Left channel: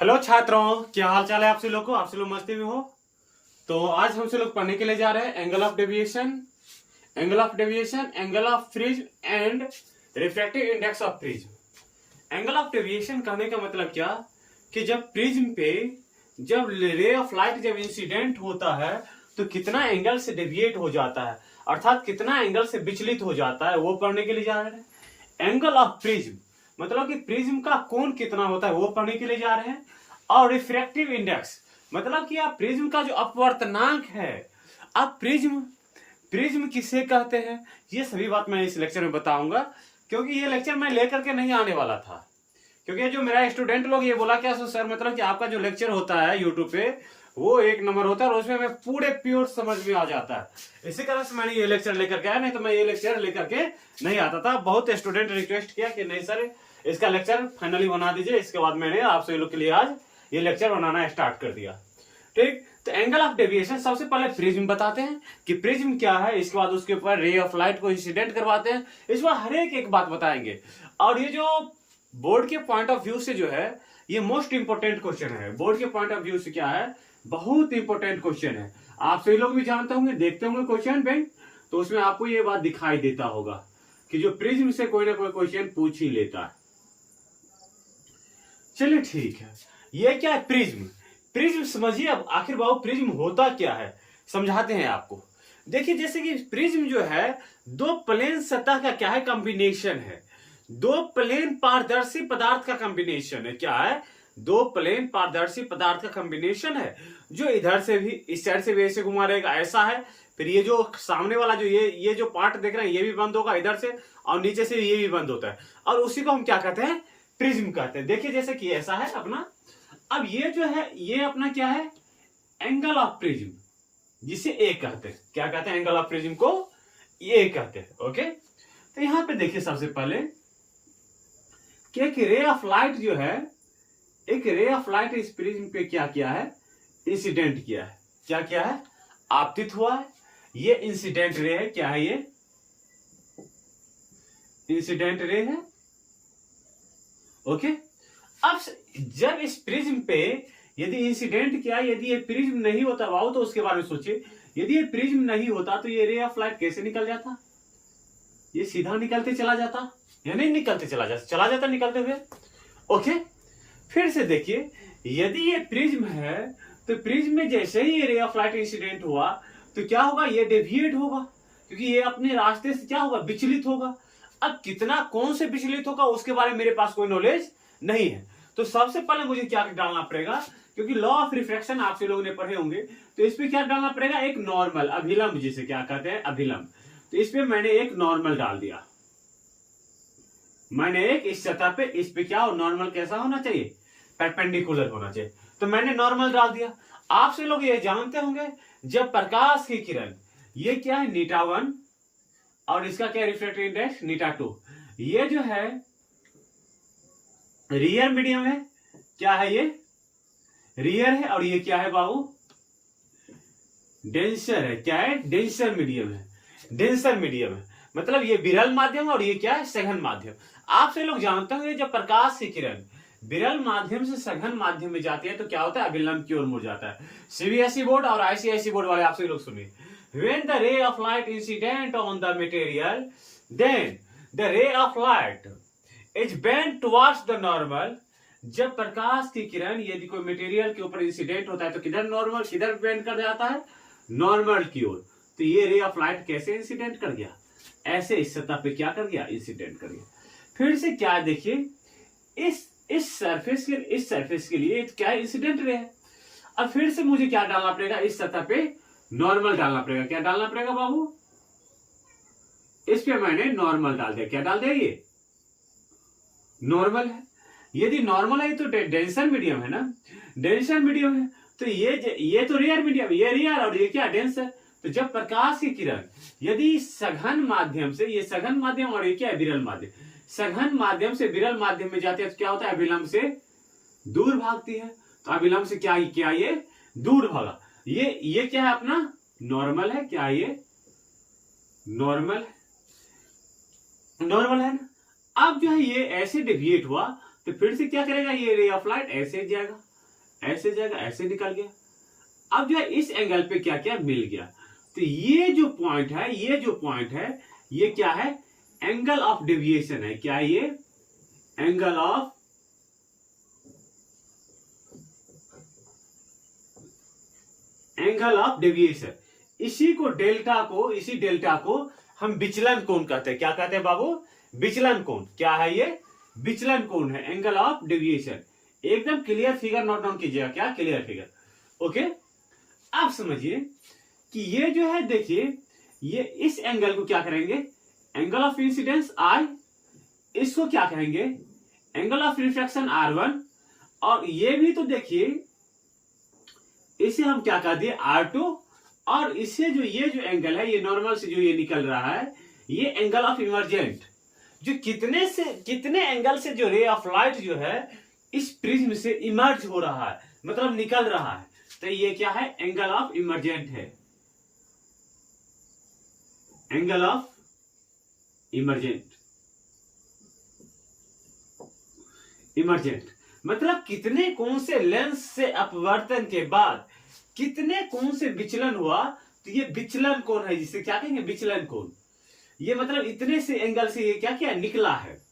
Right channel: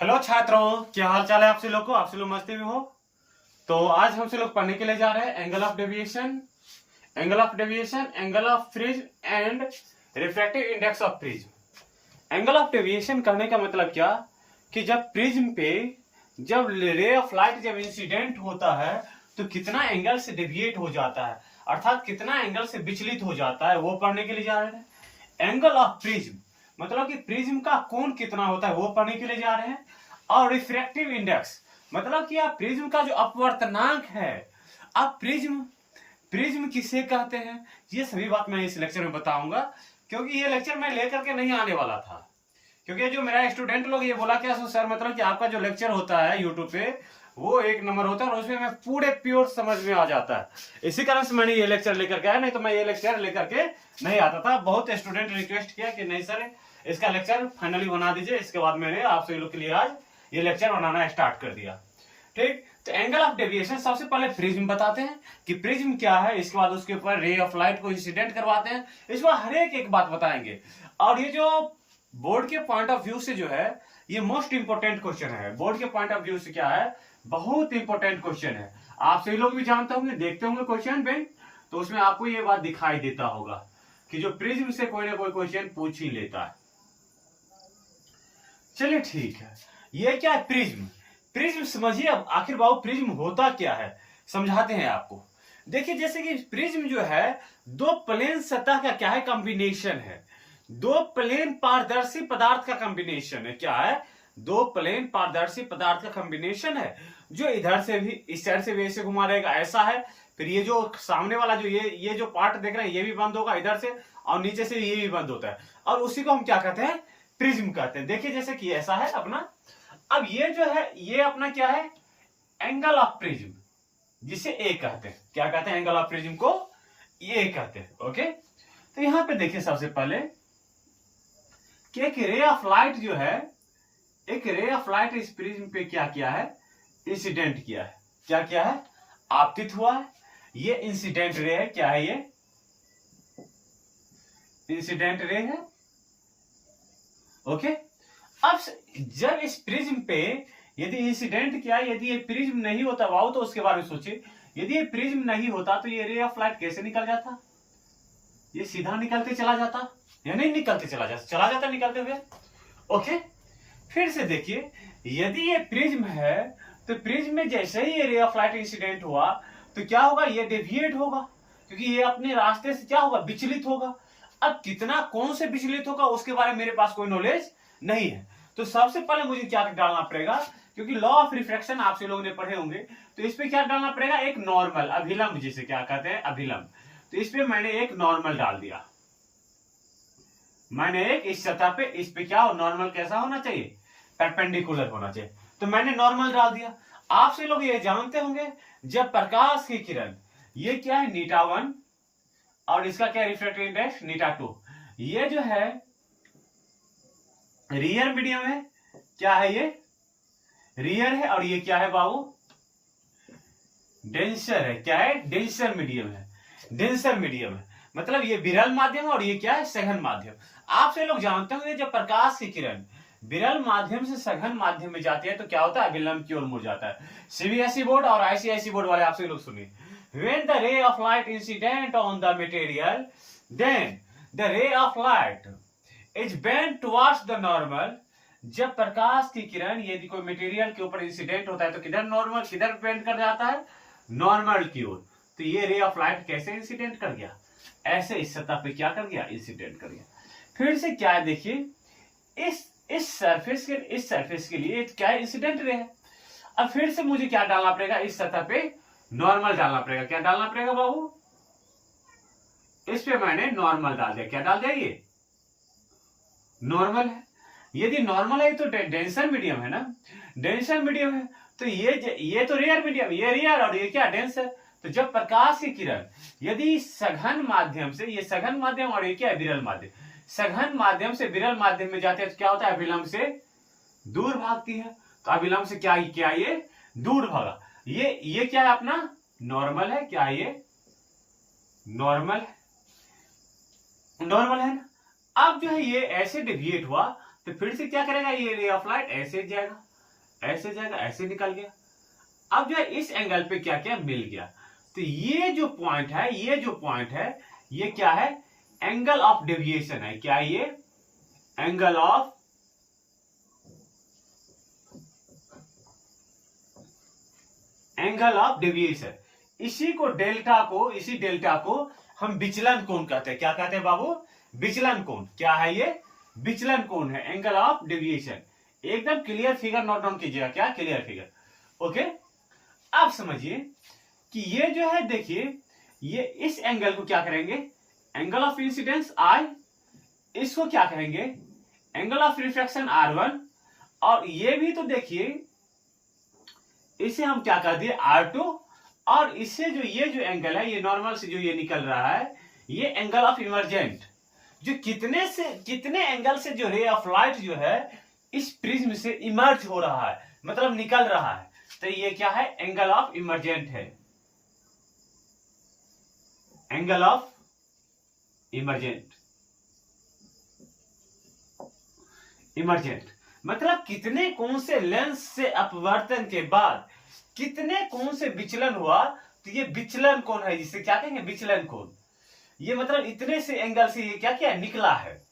Hello छात्रों, क्या हाल चाल है आपसे लोग को। आपसे लोग मस्ती में हो। तो आज हमसे लोग पढ़ने के लिए जा रहे हैं angle of deviation, angle of fridge and refractive index of prism. Angle of deviation कहने का मतलब क्या कि जब प्रिज्म पे जब रे ऑफ लाइट जब इंसिडेंट होता है तो कितना एंगल से डेविएट हो जाता है, अर्थात कितना एंगल से विचलित हो जाता है, वो पढ़ने के लिए जा रहे हैं। एंगल ऑफ प्रिज्म मतलब कि प्रिज्म का कोण कितना होता है वो पढ़ने के लिए जा रहे हैं। और रिफ्रैक्टिव इंडेक्स मतलब कि आप प्रिज्म का जो अपवर्तनांक है, आप प्रिज्म किसे कहते हैं, ये सभी बात मैं इस लेक्चर में बताऊंगा। क्योंकि ये लेक्चर मैं लेकर के नहीं आने वाला था, क्योंकि जो मेरा स्टूडेंट लोग ये बोला क्या सर मतलब कि आपका जो लेक्चर होता है यूट्यूब पे वो एक नंबर होता है और उसमें मैं पूरे प्योर समझ में आ जाता है। इसी कारण से मैंने ये लेक्चर लेकर के आया, नहीं तो मैं ये लेक्चर लेकर के नहीं आता था। बहुत स्टूडेंट रिक्वेस्ट किया कि नहीं सर इसका लेक्चर फाइनली बना दीजिए। इसके बाद मैंने आपसे लोग के लिए आज ये लेक्चर बनाना स्टार्ट कर दिया। ठीक, तो एंगल ऑफ डेविएशन सबसे पहले प्रिज्म बताते हैं कि प्रिज्म क्या है, इसके बाद उसके ऊपर रे ऑफ लाइट को इंसिडेंट करवाते हैं, इस बार हर एक बात बताएंगे। और ये जो बोर्ड के पॉइंट ऑफ व्यू से जो है ये मोस्ट इंपोर्टेंट क्वेश्चन है। बोर्ड के पॉइंट ऑफ व्यू से क्या है, बहुत इंपोर्टेंट क्वेश्चन है। आप सभी लोग भी जानते होंगे, देखते होंगे क्वेश्चन बैंक, तो उसमें आपको ये बात दिखाई देता होगा कि जो प्रिज्म से कोई ना कोई क्वेश्चन पूछ ही लेता है। चलिए ठीक है, ये क्या है प्रिज्म। प्रिज्म समझिए अब आखिर बाबू प्रिज्म होता क्या है, समझाते हैं आपको। देखिए जैसे कि प्रिज्म जो है दो प्लेन सतह का क्या है, कॉम्बिनेशन है। दो प्लेन पारदर्शी पदार्थ का कॉम्बिनेशन है। क्या है, दो प्लेन पारदर्शी पदार्थ का कॉम्बिनेशन है, जो इधर से भी इस साइड से भी ऐसे घुमा रहेगा, ऐसा है। फिर ये जो सामने वाला जो ये जो पार्ट देख रहे हैं ये भी बंद होगा इधर से, और नीचे से ये भी बंद होता है, और उसी को हम क्या कहते हैं, प्रिज्म कहते हैं। देखिए जैसे कि ऐसा है अपना, अब ये जो है ये अपना क्या है, एंगल ऑफ प्रिज्म, जिसे ए कहते हैं। क्या कहते हैं, एंगल ऑफ प्रिज्म को ए कहते हैं। ओके, तो यहां पे देखिए सबसे पहले कि एक रे ऑफ लाइट जो है, एक रे ऑफ लाइट इस प्रिज्म पे क्या किया है, इंसिडेंट किया है। क्या किया है, आपतित हुआ है। ये इंसिडेंट रे है। क्या है, ये इंसिडेंट रे है। ओके, अब जब इस प्रिज्म पे यदि इंसिडेंट किया, यदि ये प्रिज्म नहीं होता बाबू तो उसके बारे में सोचिए, यदि ये प्रिज्म नहीं होता तो ये रे ऑफ लाइट कैसे निकल जाता, ये सीधा निकलते चला जाता या नहीं निकलते चला जाता निकलते हुए। ओके, फिर से देखिए, यदि ये प्रिज्म है तो प्रिज्म में जैसे ही ये रे ऑफ लाइट इंसिडेंट हुआ तो क्या होगा, ये डेविएट होगा, क्योंकि ये अपने रास्ते से क्या होगा, विचलित होगा। अब कितना कौन से विचलित होगा उसके बारे में मेरे पास कोई नॉलेज नहीं है। तो सबसे पहले मुझे क्या डालना पड़ेगा, क्योंकि लॉ ऑफ रिफ्रैक्शन आप लोगों ने पढ़े होंगे, तो इस पे क्या डालना पड़ेगा, एक नॉर्मल, अभिलंब जिसे क्या कहते हैं, अभिलंब। तो इस पे मैंने एक नॉर्मल डाल दिया। मैंने एक इस सतह पे इस पे क्या, नॉर्मल कैसा होना चाहिए, परपेंडिकुलर होना चाहिए। तो मैंने नॉर्मल डाल दिया। आपसे लोग ये जानते होंगे, जब प्रकाश की किरण, ये क्या है नीटा 1 और इसका क्या रिफ्रैक्टिव इंडेक्स नीटा 2, ये जो है रियर मीडियम है। क्या है, ये रियर है, और ये क्या है बाबू, डेंसर है। क्या है, डेंसर मीडियम है। डेंसर मीडियम है मतलब ये विरल माध्यम है और ये क्या है, सघन माध्यम। आपसे लोग जानते होंगे जब प्रकाश की किरण विरल माध्यम से सघन माध्यम में जाती है तो क्या होता है, अभिलंब की ओर मुड़ जाता है। सीबीएसई बोर्ड और आईसीआईसी बोर्ड वाले आपसे लोग सुनिए, when the ray of light incident on the material, then the ray of light is bent towards the normal। जब प्रकाश की किरण यदि कोई मटेरियल के ऊपर इंसिडेंट होता है तो किधर नॉर्मल, किधर बेंड कर जाता है, नॉर्मल की ओर। तो ये रे ऑफ लाइट कैसे इंसिडेंट कर गया, ऐसे इस सतह पे क्या कर गया, इंसिडेंट कर गया। फिर से क्या है, देखिए इस सरफेस के लिए क्या है, इंसिडेंट रे है। अब फिर से मुझे क्या डालना पड़ेगा, इस सतह पे नॉर्मल डालना पड़ेगा। क्या डालना पड़ेगा बाबू, इस पे मैंने नॉर्मल डाल दिया। क्या डाल दिया, ये नॉर्मल है। यदि नॉर्मल है तो डेंसर मीडियम है ना, डेंसर मीडियम है तो ये तो रेयर मीडियम, ये रेयर और ये क्या, डेंसर। तो जब प्रकाश की किरण यदि सघन माध्यम से, ये सघन माध्यम और ये क्या है, विरल माध्यम, सघन माध्यम से विरल माध्यम में जाते हैं तो क्या होता है, अभिलंब से दूर भागती है। तो अभिलंब से क्या ये दूर भागा। ये क्या है अपना, नॉर्मल है। क्या ये नॉर्मल है, नॉर्मल है ना। अब जो है ये ऐसे डेविएट हुआ तो फिर से क्या करेगा, ये रे ऑफ लाइट ऐसे जाएगा, ऐसे जाएगा, ऐसे निकल गया। अब जो है इस एंगल पे क्या क्या मिल गया, तो ये जो पॉइंट है, ये क्या है, एंगल ऑफ डेविएशन है। क्या ये एंगल ऑफ डेविएशन। इसी डेल्टा को हम विचलन कोण कहते हैं। क्या कहते हैं बाबू, विचलन कोण। क्या है ये, विचलन कोण है, एंगल ऑफ डेविएशन। एकदम क्लियर फिगर नोट डाउन कीजिएगा, क्या क्लियर फिगर। ओके, अब समझिए कि ये जो है, देखिए ये इस एंगल को क्या करेंगे, एंगल ऑफ इंसिडेंस I, इसको क्या कहेंगे, एंगल ऑफ रिफ्रैक्शन R1, और ये भी तो देखिए इसे हम क्या कर दिए R2, और इससे जो ये जो एंगल है, ये नॉर्मल से जो ये निकल रहा है, ये एंगल ऑफ इमर्जेंट, जो कितने एंगल से जो रे ऑफ लाइट जो है इस प्रिज्म से इमर्ज हो रहा है, मतलब निकल रहा है, तो ये क्या है, एंगल ऑफ इमर्जेंट है, एंगल ऑफ इमर्जेंट। मतलब कितने कोण से लेंस से अपवर्तन के बाद कितने कोण से विचलन हुआ, तो ये विचलन कोण है, जिसे क्या कहेंगे, विचलन कोण। ये मतलब इतने से एंगल से ये क्या क्या निकला है,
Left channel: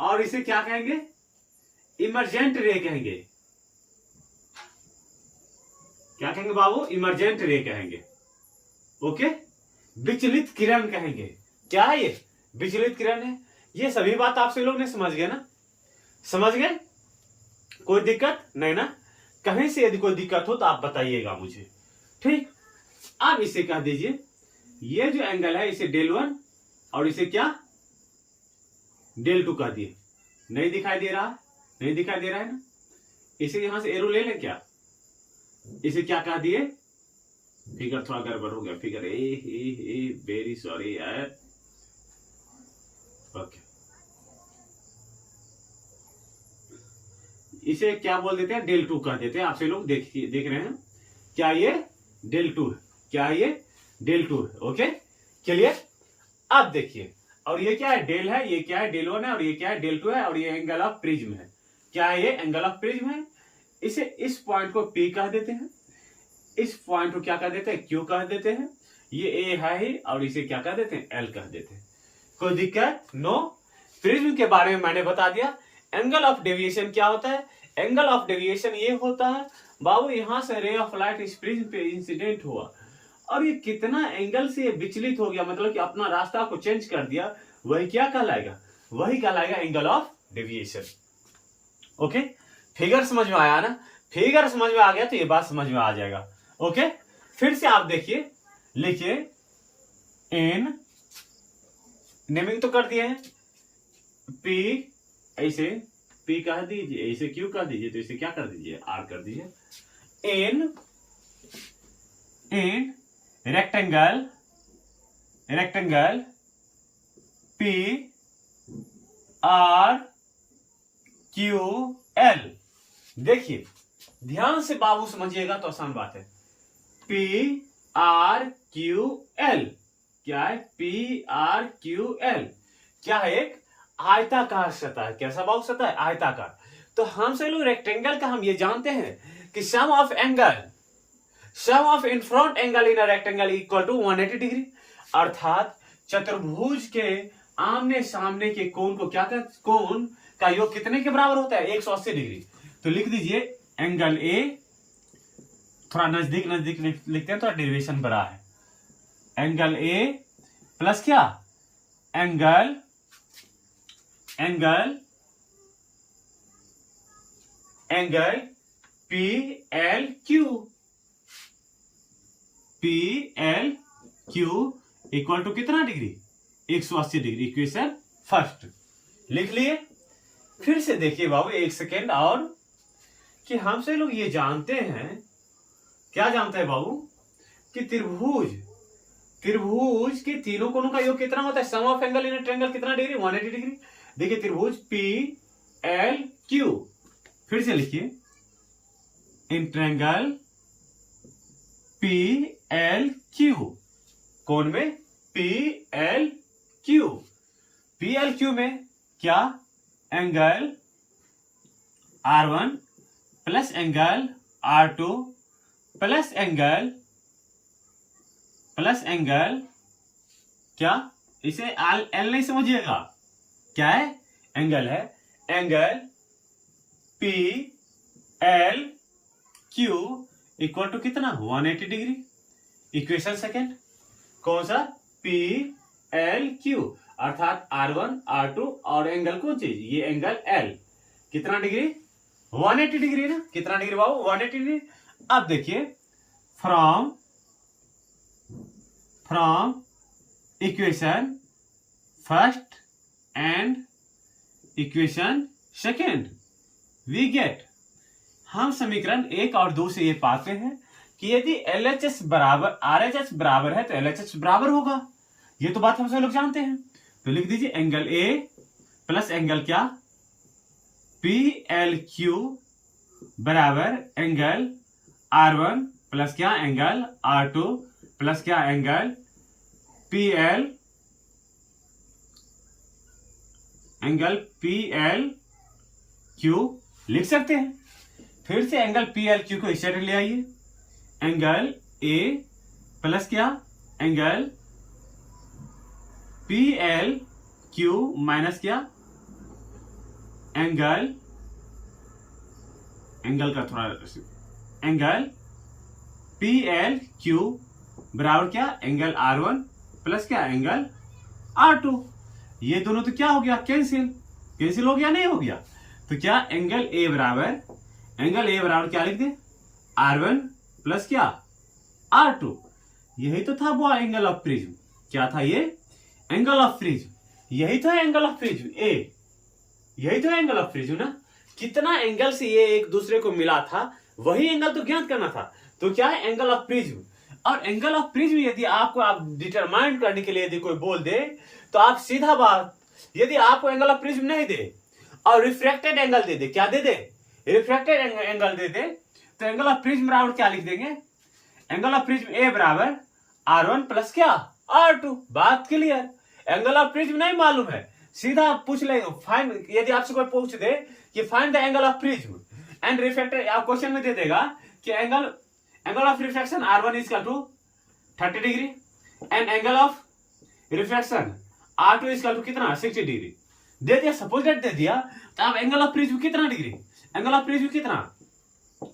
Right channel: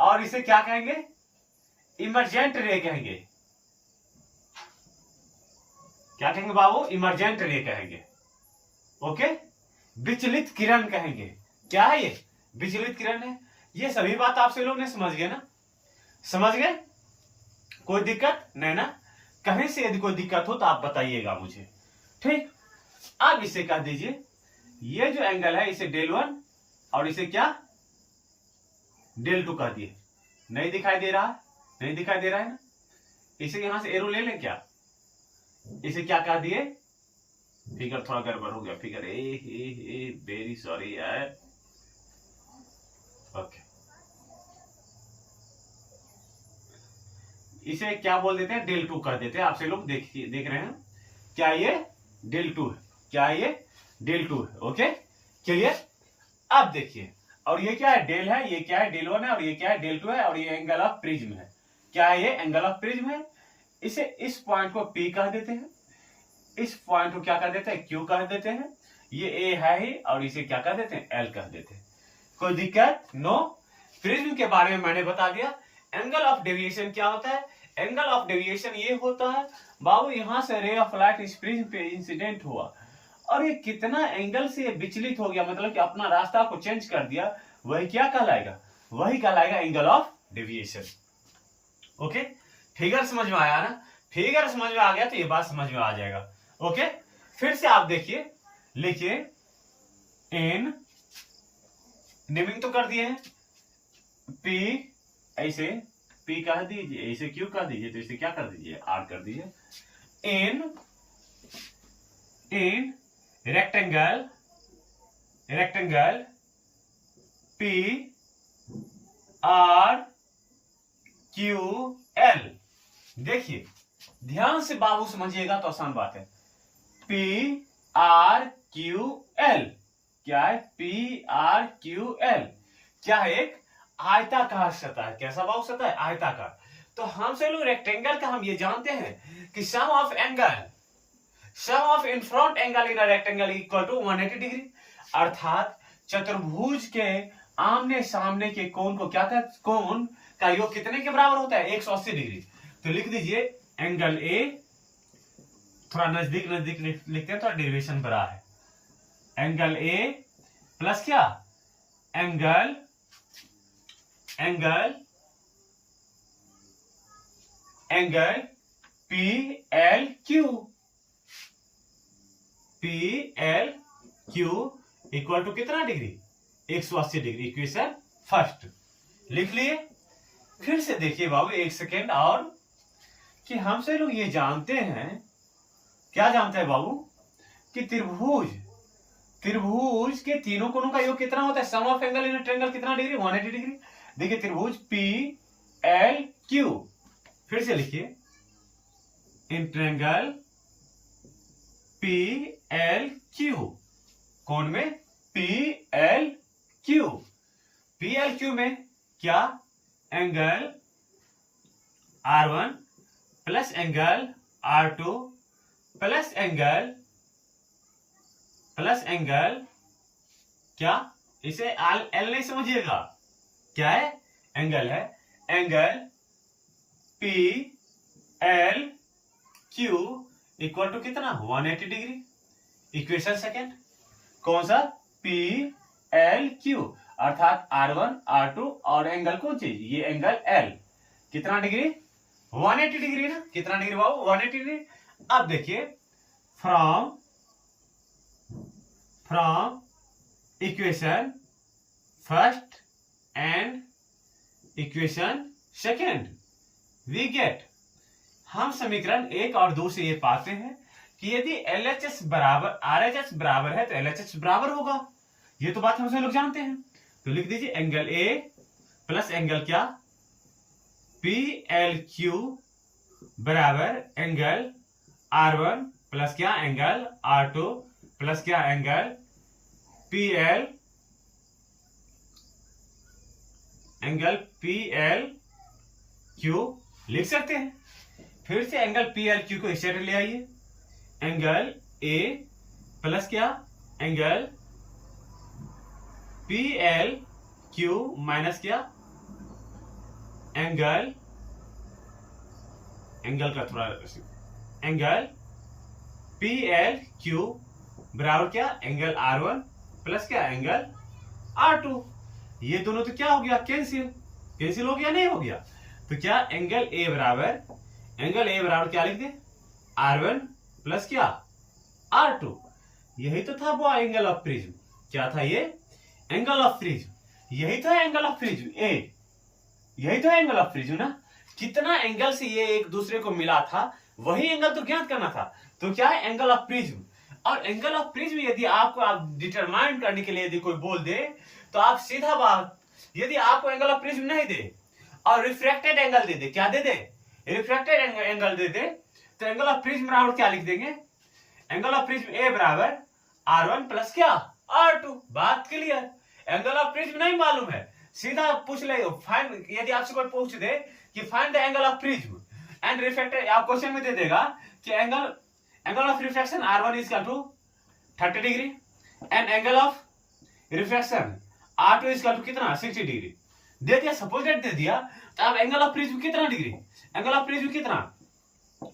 और इसे क्या कहेंगे, इमर्जेंट रे कहेंगे। क्या कहेंगे बाबू, इमर्जेंट रे कहेंगे। ओके, विचलित किरण कहेंगे। क्या है ये, विचलित किरण है। ये सभी बात आप सभी लोग ने समझ गए ना, समझ गए, कोई दिक्कत नहीं ना। कहीं से यदि कोई दिक्कत हो तो आप बताइएगा मुझे, ठीक। अब इसे कह दीजिए, ये जो एंगल है इसे del 1 और इसे क्या del 2 कह दिए। नहीं दिखाई दे रहा है ना। इसे यहां से एरो ले लें क्या, इसे क्या कह दिए, फिगर थोड़ा गड़बड़ हो गया, फिगर ए वेरी सॉरी यार। ओके, इसे क्या बोल देते हैं, del 2 कह देते हैं। आपसे लोग देख रहे हैं, क्या ये del 2 है, क्या ये del 2 है। ओके, चलिए अब देखिए, और ये क्या है, डेल है, ये क्या है, del 1 है, और ये क्या है, del 2 है, और ये एंगल ऑफ प्रिज्म है। क्या है ये, एंगल ऑफ प्रिज्म है। इसे इस पॉइंट को P कह देते हैं, इस पॉइंट को क्या कह देते हैं, Q कह देते हैं। ये A है ही, और इसे क्या कह देते हैं, L कह देते हैं। कोई दिक्कत नो। प्रिज्म के बारे में मैंने बता दिया। एंगल ऑफ डेविएशन क्या होता है, एंगल ऑफ डेविएशन ये होता है बाबू, यहां से रे ऑफ लाइट इस प्रिज्म पे इंसिडेंट हुआ, और ये कितना एंगल से विचलित हो गया, मतलब कि अपना रास्ता को चेंज कर दिया, वही क्या कहलाएगा, वही कहलाएगा angle of deviation. Okay, figure समझ में आया ना, फिगर समझ में आ गया तो ये बात समझ में आ जाएगा। ओके, फिर से आप देखिए, लिखिए इन, नेमिंग तो कर दिए हैं, P ऐसे P कह दीजिए, ऐसे Q कह दीजिए, तो इसे क्या कर दीजिए, R कर दीजिए। In rectangle P R Q L। देखिए ध्यान से बाबू समझिएगा तो आसान बात है। P R Q L क्या है, P R Q L क्या है, एक आयताकार सतह है। कैसा बाबू सतह है, आयताकार। तो हम से लोग रेक्टेंगल का हम ये जानते हैं कि sum of in front angle in a rectangle equal to 180 degree, अर्थात चतुर्भुज के आमने सामने के कोण को क्या कहते, कोण का योग कितने के बराबर होता है, 180 डिग्री। तो लिख दीजिए एंगल ए, थोड़ा नजदीक लिखते हैं, थोड़ा डेविएशन बड़ा है। एंगल ए प्लस क्या, angle P L Q equal to कितना डिग्री, 180 डिग्री। इक्वेशन फर्स्ट लिख लिए। फिर से देखिए बाबू एक सेकेंड और, कि हमसे लोग ये जानते हैं, क्या जानते हैं बाबू, कि त्रिभुज के तीनों कोणों का योग कितना होता है, सम ऑफ एंगल इन ट्रायंगल कितना डिग्री, 180 डिग्री। देखिए त्रिभुज P L Q, फिर से लिखिए in triangle P L Q, कोण में P L Q में क्या, angle R1 plus angle R2 plus angle क्या, इसे एल नहीं समझिएगा, क्या है, एंगल है, angle P L Q equal to कितना 180 डिग्री। इक्वेशन सेकेंड कौन सा, पी एल क्यू अर्थात R1 R2 और एंगल कौन सी, ये एंगल एल कितना डिग्री 180 डिग्री ना, कितना डिग्री बाबू 180 डिग्री। अब देखिए from equation first and equation second we get, हम समीकरण 1 और 2 से ये पाते हैं कि यदि LHS बराबर RHS बराबर है तो LHS बराबर होगा, ये तो बात हम सब लोग जानते हैं। तो लिख दीजिए एंगल A प्लस एंगल क्या PLQ बराबर एंगल R1 प्लस क्या एंगल R2 प्लस क्या एंगल PLQ लिख सकते हैं। फिर से एंगल PLQ को इस साइड ले आइए, एंगल A प्लस क्या एंगल PLQ माइनस क्या एंगल का थोड़ा एंगल PLQ बराबर क्या एंगल R1 प्लस क्या एंगल R2। ये दोनों तो क्या हो गया, कैंसिल हो गया, नहीं हो गया। तो क्या एंगल A बराबर क्या लिख दे R1 प्लस क्या R2। यही तो था वो एंगल ऑफ प्रिज्म, क्या था ये एंगल ऑफ प्रिज्म, यही तो है एंगल ऑफ प्रिज्म A, यही तो है एंगल ऑफ प्रिज्म ना। कितना एंगल से ये एक दूसरे को मिला था वही एंगल तो ज्ञात करना था। तो क्या है एंगल ऑफ प्रिज्म, और एंगल ऑफ प्रिज्म यदि आपको आप डिटरमाइन करने के लिए यदि कोई बोल दे तो आप सीधा बात, यदि आपको एंगल ऑफ प्रिज्म नहीं दे और रिफ्रैक्टेड एंगल दे दे, क्या दे दे रिफ्रैक्टेड एंगल दे दे, तो एंगल ऑफ प्रिज्म बराबर क्या लिख देंगे, एंगल ऑफ प्रिज्म A बराबर R1 प्लस क्या R2। बात क्लियर। एंगल ऑफ प्रिज्म नहीं मालूम है, सीधा पूछ ले, फाइंड, यदि आपसे कोई पूछ दे कि find the angle of prism and refracted, आप क्वेश्चन में दे देगा कि angle of refraction R1 is equal to 30 degree and angle of refraction R2 is equal to कितना 60 डिग्री दे दिया, सपोज डेट दे दिया। तो अब एंगल ऑफ प्रिज्म कितना डिग्री, एंगल ऑफ प्रिज्म कितना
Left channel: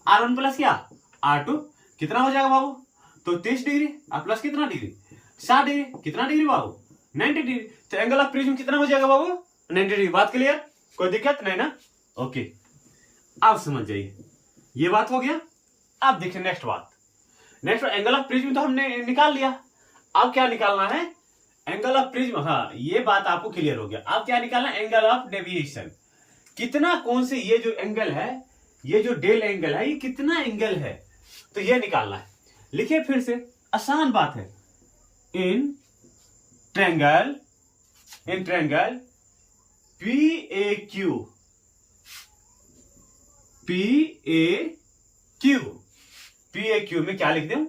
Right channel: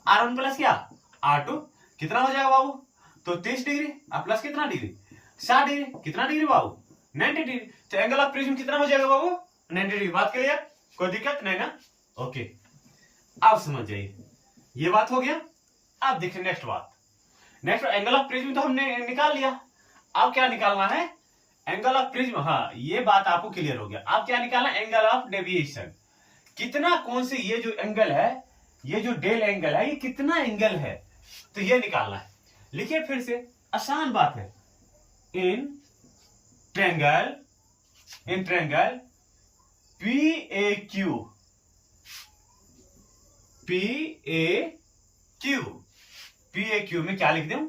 R1 प्लस क्या R2 कितना हो जाएगा बाबू, तो 30 डिग्री और प्लस कितना डिग्री 60 डिग्री, कितना डिग्री बाबू 90 डिग्री। तो एंगल ऑफ प्रिज्म कितना हो जाएगा बाबू 90 डिग्री। बात क्लियर, कोई दिक्कत नहीं ना, ओके। अब समझ जाइए ये बात हो गया। अब देखिए नेक्स्ट बात, नेक्स्ट एंगल ऑफ प्रिज्म तो हमने निकाल लिया, अब क्या निकालना है एंगल ऑफ प्रिज्म। हाँ ये बात आपको क्लियर हो गया। अब क्या निकालना है एंगल ऑफ डेविएशन, कितना कौन से ये जो एंगल है, ये जो डेल एंगल है, ये कितना एंगल है, तो ये निकालना है। लिखिए फिर से, आसान बात है। इन ट्रायंगल PAQ में क्या लिख दूं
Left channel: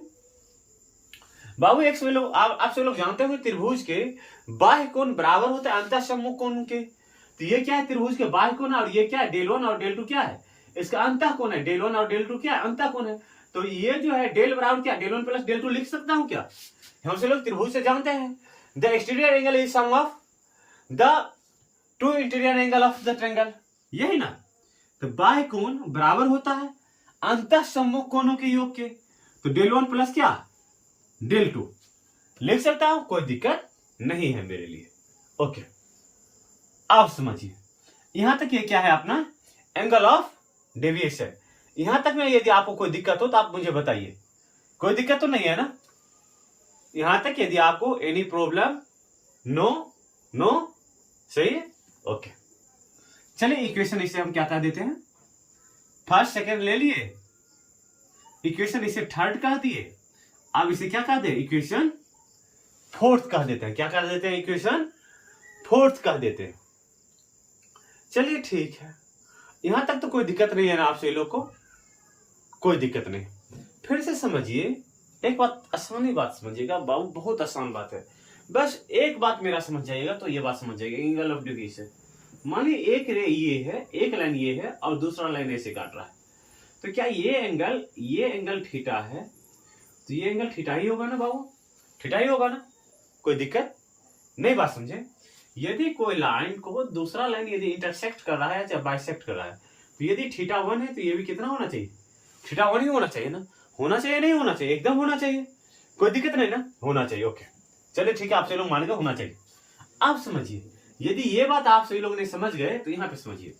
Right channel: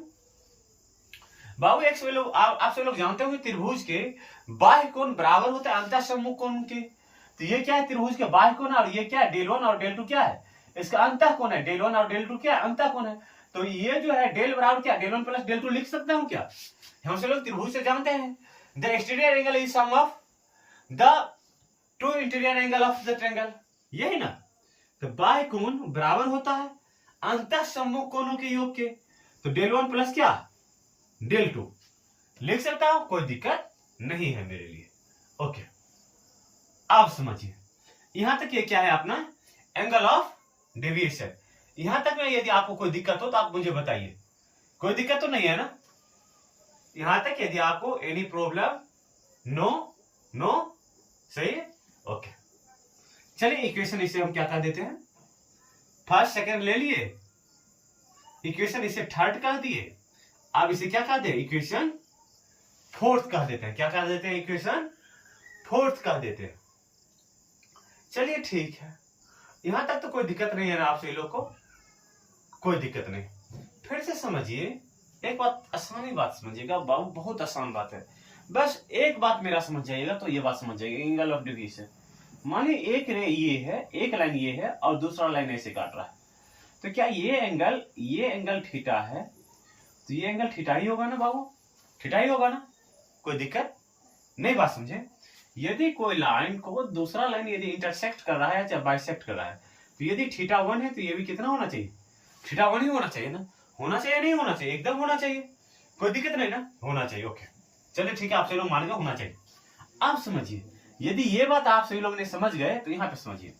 बाबू, एक से लोग आप सब लोग जानते होंगे त्रिभुज के बाह्य कोण बराबर होते हैं अंतः सम्मुख कोण के। तो ये क्या है त्रिभुज के बाह्य कोण, और ये क्या है डेल 1 और डेल 2 क्या है इसका अंतः कोण है, डेल 1 और डेल 2 क्या है अंतः कोण है। तो ये जो है डेल बराबर क्या डेल 1 प्लस डेल 2 लिख सकता हूं क्या, हम सब लोग त्रिभुज से जानते हैं the exterior angle is sum of the two interior angle of the triangle, यही ना। तो बाह्य कोण बराबर होता है अंतः सम्मुख कोणों के योग के। तो डेल 1 प्लस क्या डेल 2 लिख सकता हूं, कोई दिक्कत नहीं है मेरे लिए, ओके। अब समझिए यहां तक ये क्या है अपना एंगल ऑफ डेविएशन। यहां तक में यदि आपको कोई दिक्कत हो तो आप मुझे बताइए, कोई दिक्कत तो नहीं है ना। यहां तक यदि आपको एनी प्रॉब्लम, नो सही है, ओके। चलिए इक्वेशन इसे हम क्या कह देते हैं, फर्स्ट सेकंड ले लिए, इक्वेशन इसे थर्ड कह दिए, अब इसे क्या कह दे इक्वेशन फोर्थ कह देते हैं। क्या कह देते हैं इक्वेशन फोर्थ कह देते हैं। चलिए ठीक है, यहां तक तो कोई दिक्कत नहीं है ना आपसे लोग को, कोई दिक्कत नहीं। फिर से समझिए एक बात, आसानी बात समझिएगा बाबू, बहुत आसान बात है, बस एक बात मेरा समझ जाइएगा तो ये बात समझ जाइएगा। एंगल ऑफ डेविएशन, मानिए एक रे ये है, एक लाइन ये है और दूसरा लाइन ऐसे काट रहा है, तो क्या ये एंगल थीटा है, तो ये एंगल थीटा ही होगा ना बाबू, थीटा ही होगा ना, कोई दिक्कत नहीं। बात समझे? यदि कोई लाइन को दूसरा लाइन यदि इंटरसेक्ट कर रहा है चाहे बाइसेक्ट कर रहा है, तो यदि थीटा 1 है तो ये भी कितना होना चाहिए, थीटा 1 ही होना चाहिए ना, होना चाहिए नहीं होना चाहिए, एकदम होना चाहिए, कोई दिक्कत नहीं ना, होना चाहिए। ओके चलिए ठीक है, आप सभी लोग मान लो होना चाहिए। आप समझिए, यदि ये बात आप सभी लोग ने समझ गए तो यहाँ पे समझिए,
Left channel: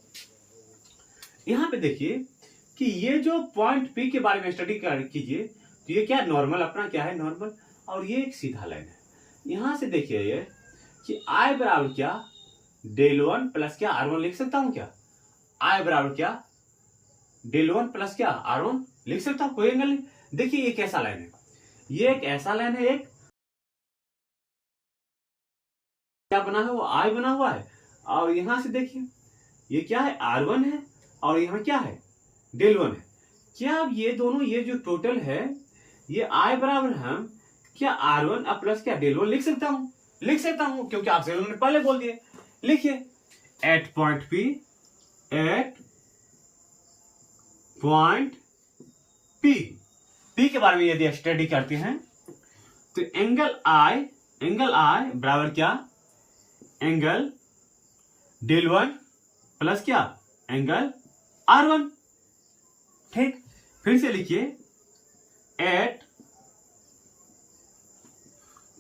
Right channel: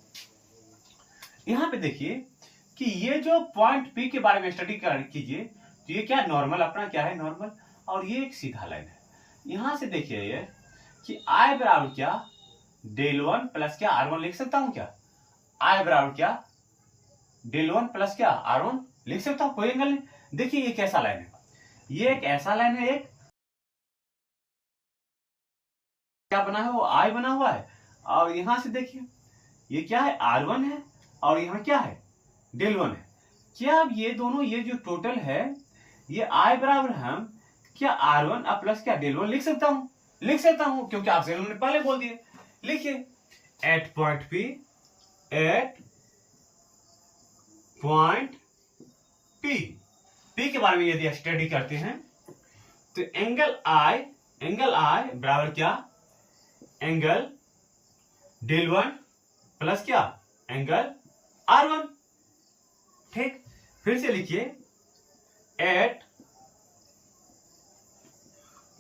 यहाँ पे देखिए कि ये जो पॉइंट पी के बारे में स्टडी कीजिए, तो ये क्या नॉर्मल अपना क्या है नॉर्मल, और ये एक सीधा लाइन है। यहां से देखिए ये कि I बराबर क्या डेल 1 प्लस क्या R1 लिख सकता हूं क्या, I बराबर क्या डेल 1 प्लस क्या R1 लिख सकता हूं, कोई एंगल नहीं। देखिए ये कैसा लाइन है, ये एक ऐसा लाइन है, एक क्या बना है वो I बना हुआ है, और यहां से देखिए ये क्या है R1 है, और यहाँ क्या है डेल 1 है। क्या अब ये दोनों ये जो टोटल है ये I बराबर हम क्या R1 अब प्लस क्या डेल 1 लिख सकता हूं, लिख सकता हूं, क्योंकि आपसे लोगों ने पहले बोल दिए। लिखिए एट पॉइंट P के बारे में यदि स्टडी करते हैं तो एंगल I बराबर क्या एंगल डेल 1 प्लस क्या एंगल R1। ठीक, फिर से लिखिए एट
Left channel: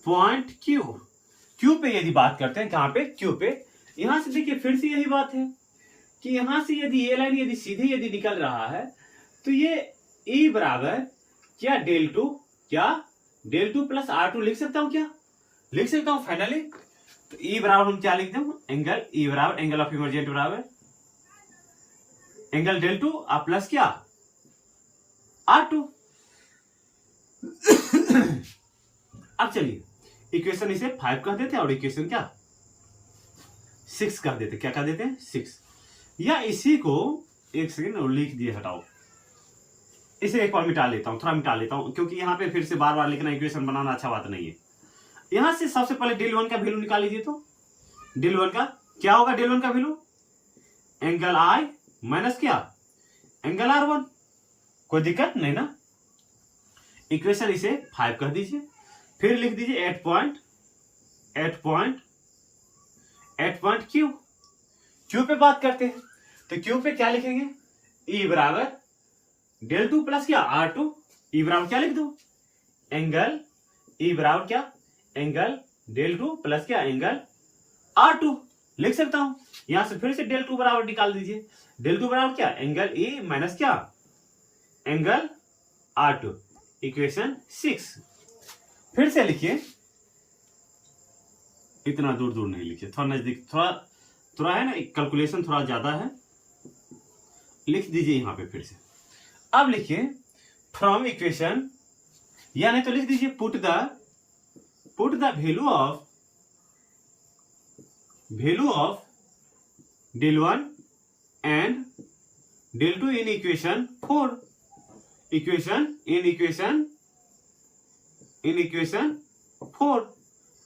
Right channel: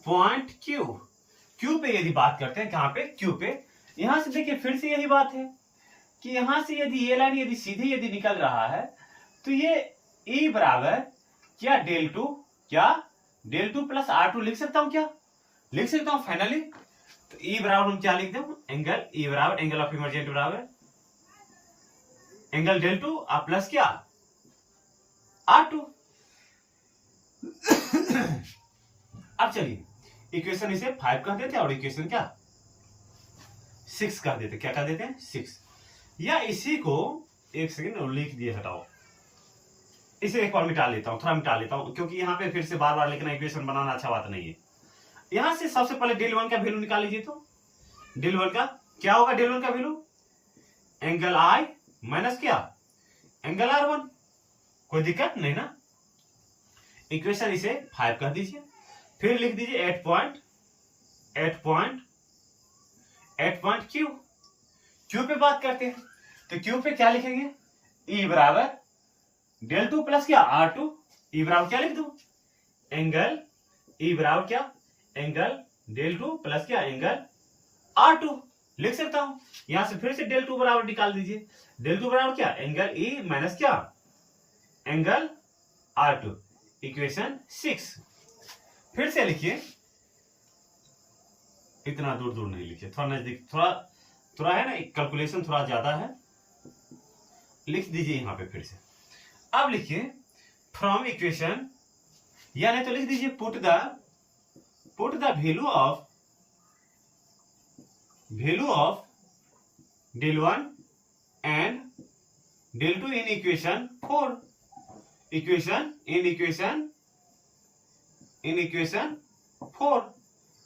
पॉइंट Q पे यदि बात करते हैं, कहां पे Q पे, यहां से देखिए फिर से यही बात है कि यहां से यदि ये लाइन यदि सीधी यदि निकल रहा है तो ये E बराबर क्या डेल 2 प्लस R2 लिख सकता हूं क्या, लिख सकता हूं फाइनली। तो E बराबर हम क्या लिख दें एंगल E बराबर एंगल ऑफ इमर्जेंट बराबर एंगल डेल 2 प्लस क्या R2। अब चलिए इक्वेशन इसे 5 कह देते हैं और इक्वेशन क्या 6 कह देते, क्या कह देते हैं 6, या इसी को एक सेकंड लिख दिए हटाओ, इसे एक बार मिटा लेता हूं, थोड़ा मिटा लेता हूं, क्योंकि यहां पे फिर से बार बार लिखना इक्वेशन बनाना अच्छा बात नहीं है। यहां से सबसे पहले डेल 1 का वैल्यू निकाल लीजिए, तो डेल 1 का क्या होगा, डेल 1 का वैल्यू एंगल I माइनस क्या एंगल R1, कोई दिक्कत नहीं ना। इक्वेशन इसे 5 कह दीजिए, फिर लिख दीजिए एट पॉइंट Q पे बात करते हैं, तो Q पे क्या लिखेंगे E बराबर डेल 2 प्लस क्या R2, E बराबर क्या लिख दू एंगल E बराबर क्या एंगल डेल 2 प्लस क्या एंगल R2 लिख सकता हूं। यहां से फिर से डेल 2 बराबर निकाल दीजिए, डेल 2 बराबर क्या एंगल E माइनस क्या एंगल R2, इक्वेशन 6। फिर से लिखिए, इतना दूर दूर नहीं लिखिए, थोड़ा नजदीक, थोड़ा है ना, कैलकुलेशन थोड़ा ज्यादा है, लिख दीजिए यहां पे फिर से। अब लिखिए फ्रॉम इक्वेशन, यानी तो लिख दीजिए put the value of del 1 and del 2 in equation 4,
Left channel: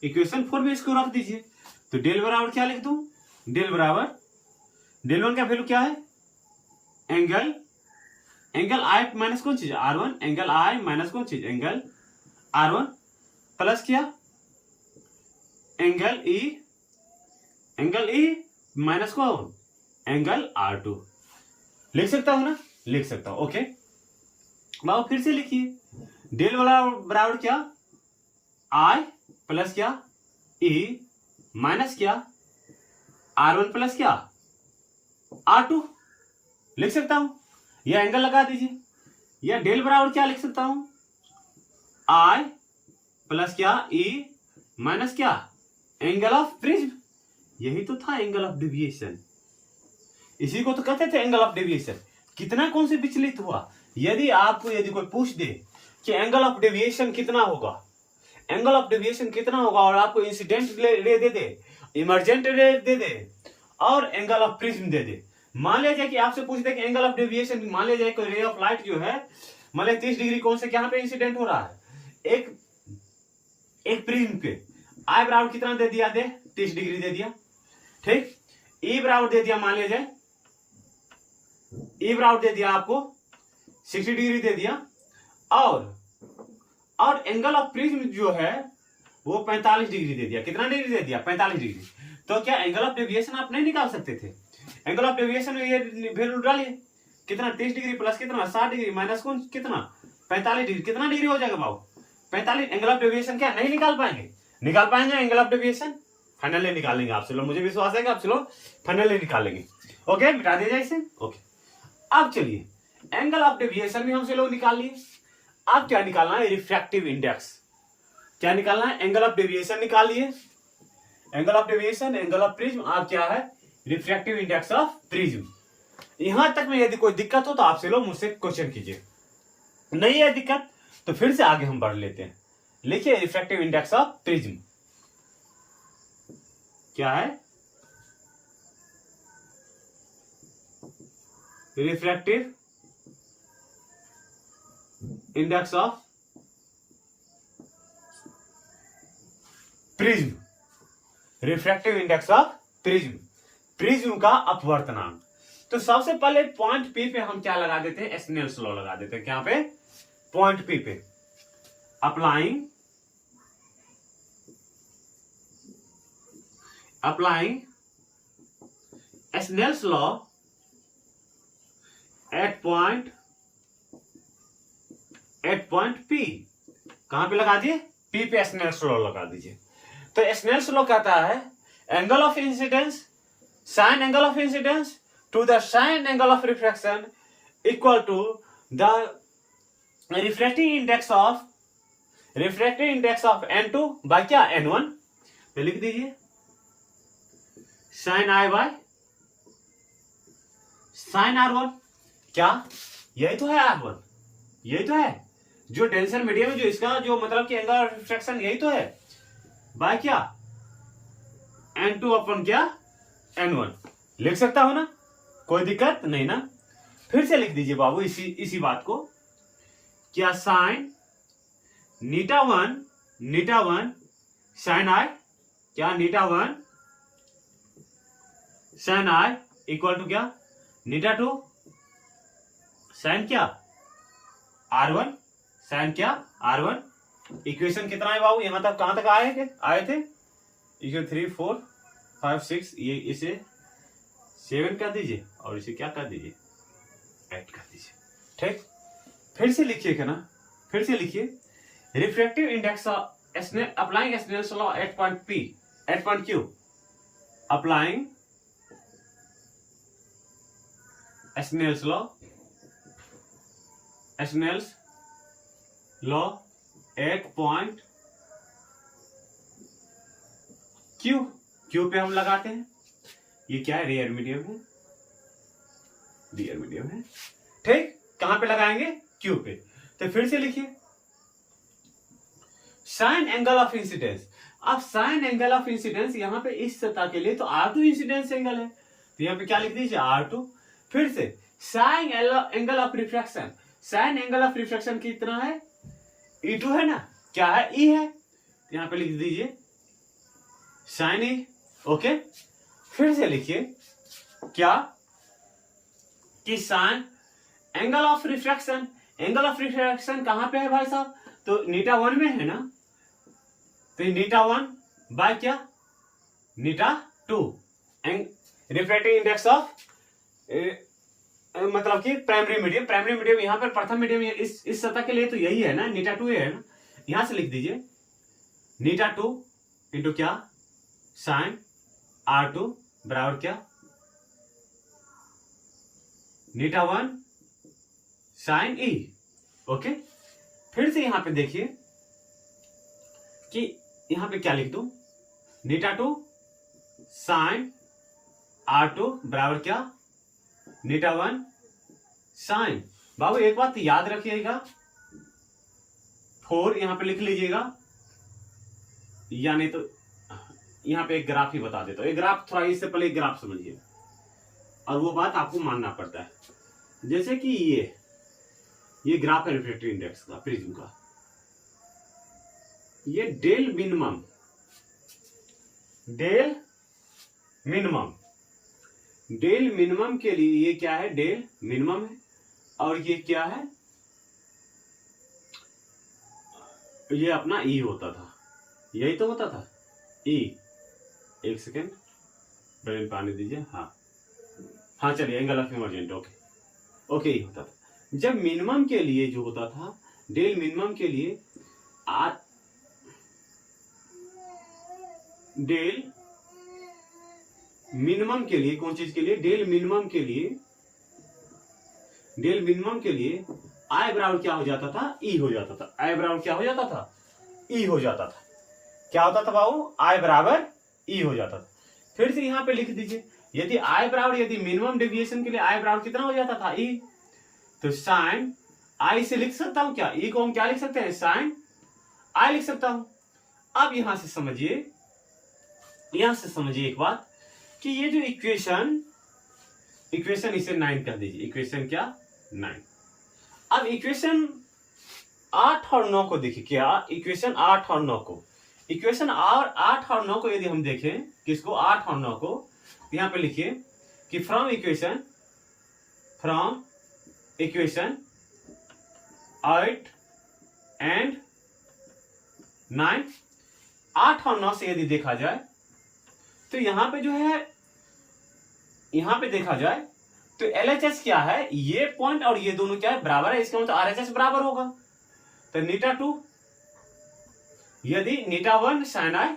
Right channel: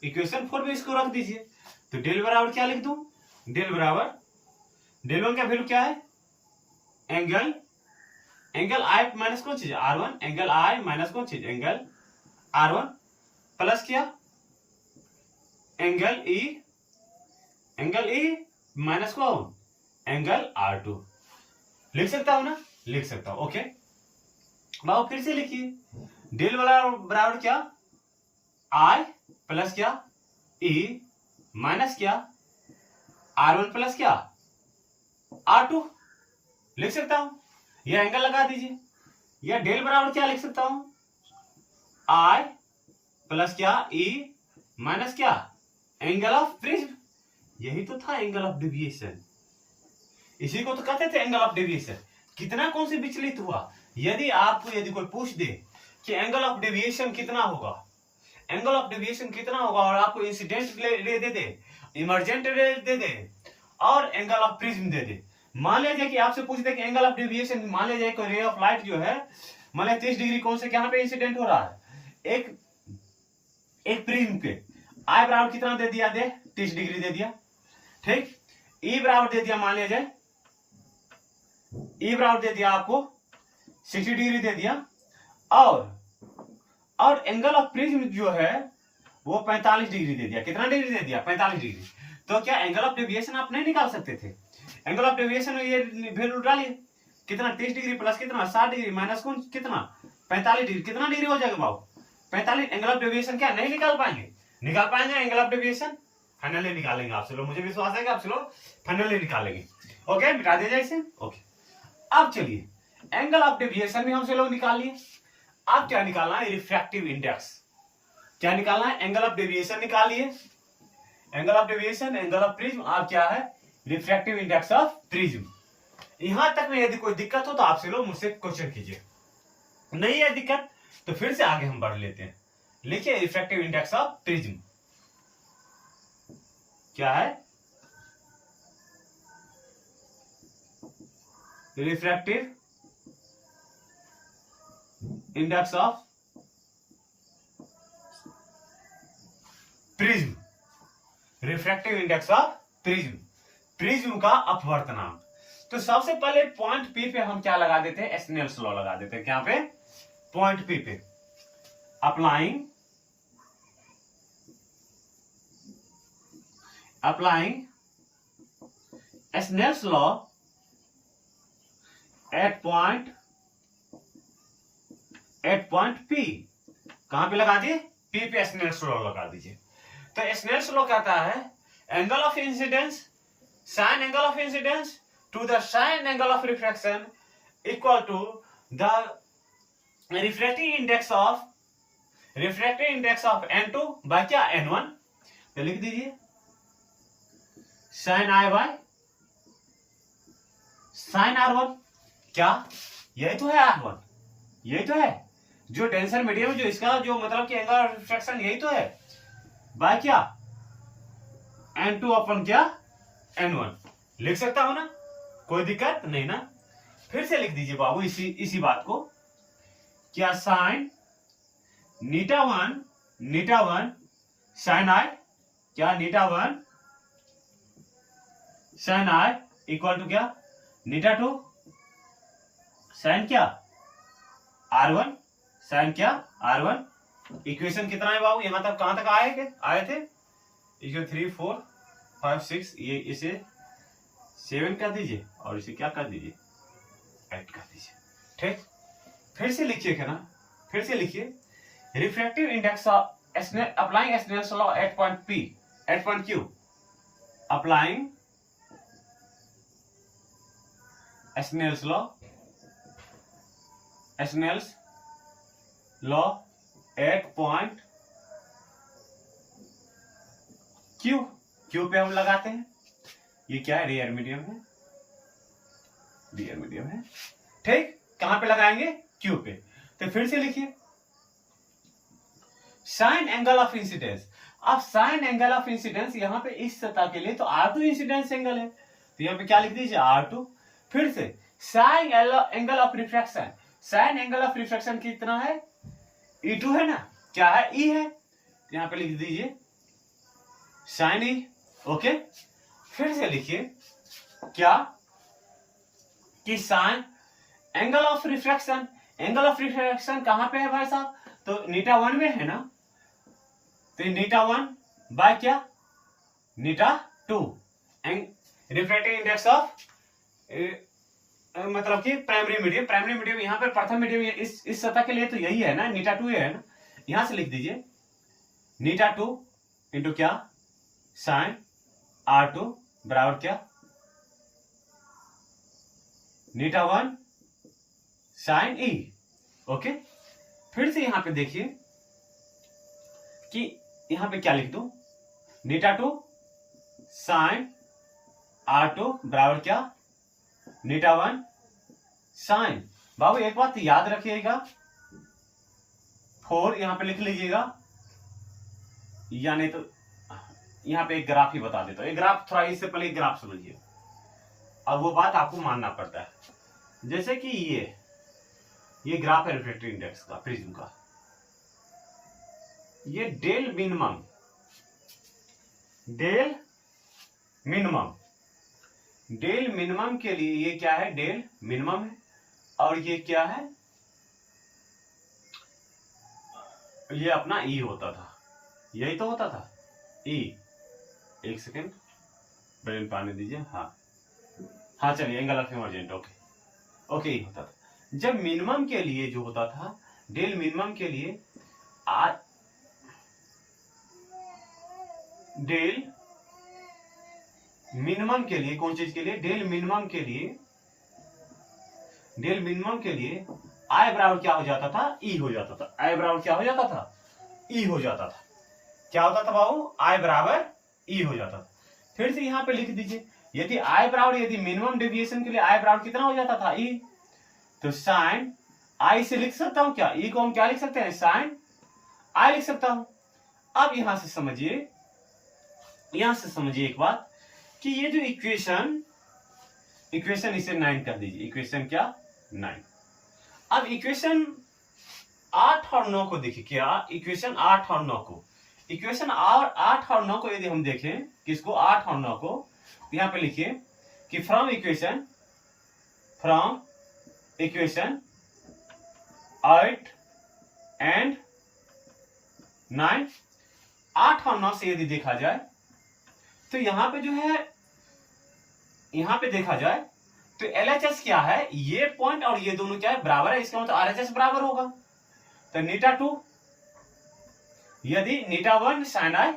equation 4 में इसको रख दीजिए। तो डेल बराबर क्या लिख दूं, डेल बराबर डेल 1 का वैल्यू क्या है एंगल I माइनस कौन चीज R1, एंगल I माइनस कौन चीज एंगल R1 प्लस क्या एंगल E माइनस कौन एंगल R2, लिख सकता हूं ना, लिख सकता हूं। ओके बाबू फिर से लिखिए, डेल बराबर क्या I प्लस क्या E माइनस क्या R1 प्लस क्या R2, लिख सकता हूं, यह एंगल लगा दीजिए। या डेल बराबर क्या लिख सकता हूं I प्लस क्या E माइनस क्या एंगल ऑफ प्रिज्म, यही तो था एंगल ऑफ डेविएशन, इसी को तो कहते थे एंगल ऑफ डेविएशन। कितना कौन से विचलित हुआ, यदि आपको यदि कोई पूछ दे कि एंगल ऑफ डेविएशन कितना होगा, एंगल ऑफ डेविएशन कितना होगा, और आपको इंसिडेंट रे दे दे, इमर्जेंट रे दे दे, और एंगल ऑफ प्रिज्म दे दे, मान लिया जाए कि आपसे पूछ दे कि एंगल ऑफ डेविएशन, मान लिया जाए कोई रे ऑफ लाइट जो है मान लिया 30 डिग्री कौन से कहां पे इंसिडेंट हो रहा है, एक प्रिज्म पे, I बराबर कितना दे दिया, दे 30 डिग्री दे दिया, ठीक, E बराबर दे दिया, मान लिया जाए E बराबर दे दिया आपको 60 डिग्री दे दिया, और एंगल ऑफ प्रिज्म जो है वो 45 डिग्री दे दिया। कितना डिग्री दे दिया? 45 डिग्री। तो क्या एंगल ऑफ डेविएशन आप नहीं निकाल सकते थे? एंगल ऑफ डेविएशन में ये वैल्यू डालिए, कितना 30 डिग्री प्लस कितना 60 डिग्री माइनस कौन कितना 45 डिग्री, कितना डिग्री हो जाएगा बाबू? 45। एंगल ऑफ डेविएशन क्या नहीं निकाल पाएंगे? निकाल पाएंगे एंगल ऑफ डेविएशन? फाइनली निकालेंगे आपसे लोग, मुझे विश्वास है कि आपसे लोग फाइनली निकालेंगे। ओके, मिटा दिया जाए इसे। ओके, अब चलिए एंगल ऑफ डेविएशन भी हमसे लोग निकाल लिए। अब क्या निकालना है? Refractive index. क्या निकालना है? एंगल ऑफ डेविएशन निकाल लिए, angle of deviation, angle of prism. अब क्या है? Refractive index of prism. यहां तक में यदि कोई दिक्कत हो तो आपसे लोग मुझसे क्वेश्चन कीजिए, नहीं है दिक्कत तो फिर से आगे हम बढ़ लेते हैं। लिखिए रिफ्रैक्टिव इंडेक्स ऑफ प्रिज्म क्या है? Refractive index of prism, refractive index of prism, prism का अपवर्तनांक। तो सबसे पहले पॉइंट पी पे हम क्या लगा देते हैं? स्नेल्स लॉ लगा देते हैं। क्या पे? पॉइंट पी पे applying Snell's law at point P. कहां पे लगा दिए? पी पे स्नेल्स लॉ लगा दीजिए। तो स्नेल्स लॉ कहता है angle of incidence sine angle of incidence to the sine angle of refraction equal to the refractive index of n2 by क्या? n1। तो लिख दीजिए sign i by sine r1। क्या यही तो है? r1 यही तो है जो टेंशन मीडियम है, जो इसका जो मतलब कि एंगल ऑफ रिफ्रैक्शन यही तो है, बाय क्या? n2 अपन क्या? n1। लिख सकता हो ना, कोई दिक्कत नहीं ना। फिर से लिख दीजिए बाबू इसी बात को। क्या? साइन नीटा वन साइन आई, क्या? नीटा 1 साइन आई इक्वल टू क्या? नीटा 2 साइन क्या? r1 साइन क्या? r1। इक्वेशन कितना है बाबू? यहां तक कहां तक आए थे? इसे 3 4 5 6, ये इसे 7 कर दीजिए और इसे क्या कर दीजिए? 8 कर दीजिए। ठीक, फिर से लिखिए क्या ना, फिर से लिखिए refractive index applying Snell's law at point P at point Q, applying Snell's law at point Q पे हम लगाते हैं। ये क्या है? रियर मीडियम है। ठीक, कहां पे लगाएंगे? क्यू पे। तो फिर से लिखिए साइन एंगल ऑफ इंसिडेंस। अब साइन एंगल ऑफ इंसिडेंस यहां पे इस सतह के लिए तो r2 इंसिडेंस एंगल है, तो यहां पे क्या लिख दीजिए? r2। फिर से sign angle of refraction, sign angle of refraction कितना है? E2 है ना, क्या है? E है, तो यहां पे लिख दीजिए साइन E। ओके, फिर से लिखिए क्या? कि sign angle of refraction, angle of refraction कहां पे है भाई साहब? तो नीटा 1 में है ना, तो नीटा 1 बाय क्या? नीटा 2। रिफ्रैक्टिव इंडेक्स ऑफ मतलब कि प्राइमरी मीडियम यहां पर प्रथम मीडियम इस सतह के लिए तो यही है ना, नीटा 2 है ना। यहां से लिख दीजिए नीटा 2 इंटू क्या? साइन r2 बराबर क्या? नीटा 1 साइन E। ओके, फिर से यहां पे देखिए कि यहां पे क्या लिख दूं? नीटा 2 साइन r2 बराबर क्या? नीटा 1 साइन। बाबू एक बात याद रखिएगा, 4 यहां पे लिख लीजिएगा, यानी तो यहां पे एक ग्राफ ही बता देता हूं। एक ग्राफ, थोड़ा इससे पहले एक ग्राफ समझिए और वो बात आपको मानना पड़ता है। जैसे कि ये ग्राफ है रिफ्रैक्टिव इंडेक्स का, प्रिज्म का। ये डेल मिनिमम के लिए ये क्या है? डेल मिनिमम है, और ये क्या है? ये अपना ई होता था, यही तो होता था ई। एक सेकेंड, ब्रेन पानी दीजिए। हाँ चलिए, एंगल ऑफ इमर्जेंट, ओके ई होता था। जब मिनिमम के लिए जो होता था, डेल मिनिमम के लिए डेल मिनिमम के लिए कौन चीज के लिए, डेल मिनिमम के लिए आई बराबर क्या हो जाता था, ई हो जाता था। आई बराबर क्या हो जाता था, ई हो जाता था। क्या होता था बाबू, आई बराबर ई हो जाता था। फिर से यहां पे लिख दीजिए, यदि आई बराबर, यदि मिनिमम डेविएशन के लिए आई बराबर कितना हो जाता था, ई, तो साइन आई से लिख सकता हूं क्या, ई को हम क्या लिख सकते हैं, साइन आई लिख सकता हूं। अब यहां से समझिए एक बात कि ये जो इक्वेशन इसे 9 कर दीजिए। इक्वेशन क्या, 9। अब इक्वेशन 8 और 9 को देखिए, क्या इक्वेशन 8 और 9 को, इक्वेशन 8 और 9 को यदि हम देखें, किसको, 8 और 9 को, यहां पे लिखिए कि फ्रॉम इक्वेशन 8 एंड 9, 8 और 9 से यदि देखा जाए तो यहां पे जो है, यहां पे देखा जाए तो LHS क्या है, ये पॉइंट और ये दोनों क्या है, बराबर है। इसका मतलब RHS बराबर होगा। तो नीटा 2, यदि नीटा 1 साइन आई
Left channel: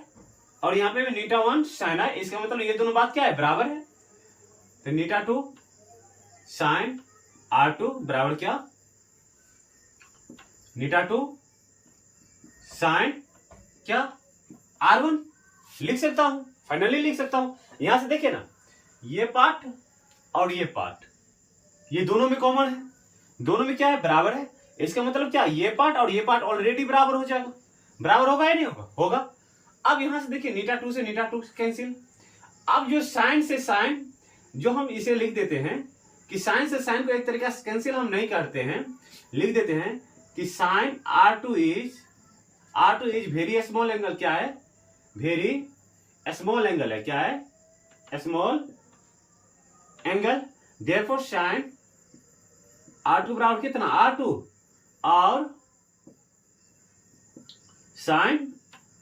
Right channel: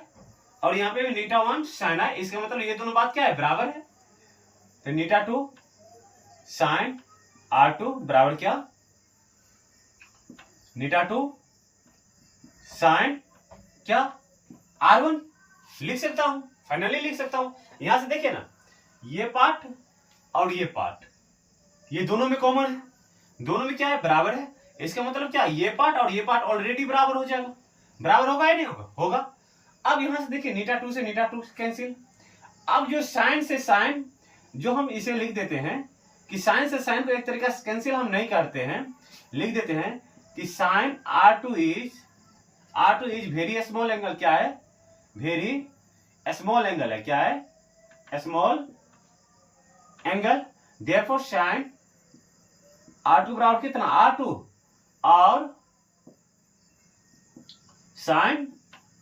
और यहां पे भी नीटा 1 साइन आई, इसका मतलब ये दोनों बात क्या है, बराबर है। तो नीटा 2 साइन R2 बराबर क्या, नीटा 2 साइन क्या, R1 लिख सकता हूं, फाइनली लिख सकता हूं। यहां से देखिए ना, ये पार्ट और ये पार्ट, ये दोनों में कॉमन है, दोनों में क्या है, बराबर है। इसका मतलब क्या, ये पार्ट और ये पार्ट ऑलरेडी बराबर हो जाएगा। बराबर होगा या नहीं होगा, होगा। अब यहां से देखिए, नीटा 2 से नीटा 2 कैंसिल। अब जो साइन से साइन, जो हम इसे लिख देते हैं कि साइन से साइन को एक तरीका से कैंसिल हम नहीं करते हैं, लिख देते हैं कि sine R2 is very small angle. क्या है, वेरी स्मॉल एंगल है। क्या है, small angle. Therefore sign R2 बराबर कितना, R2, और साइन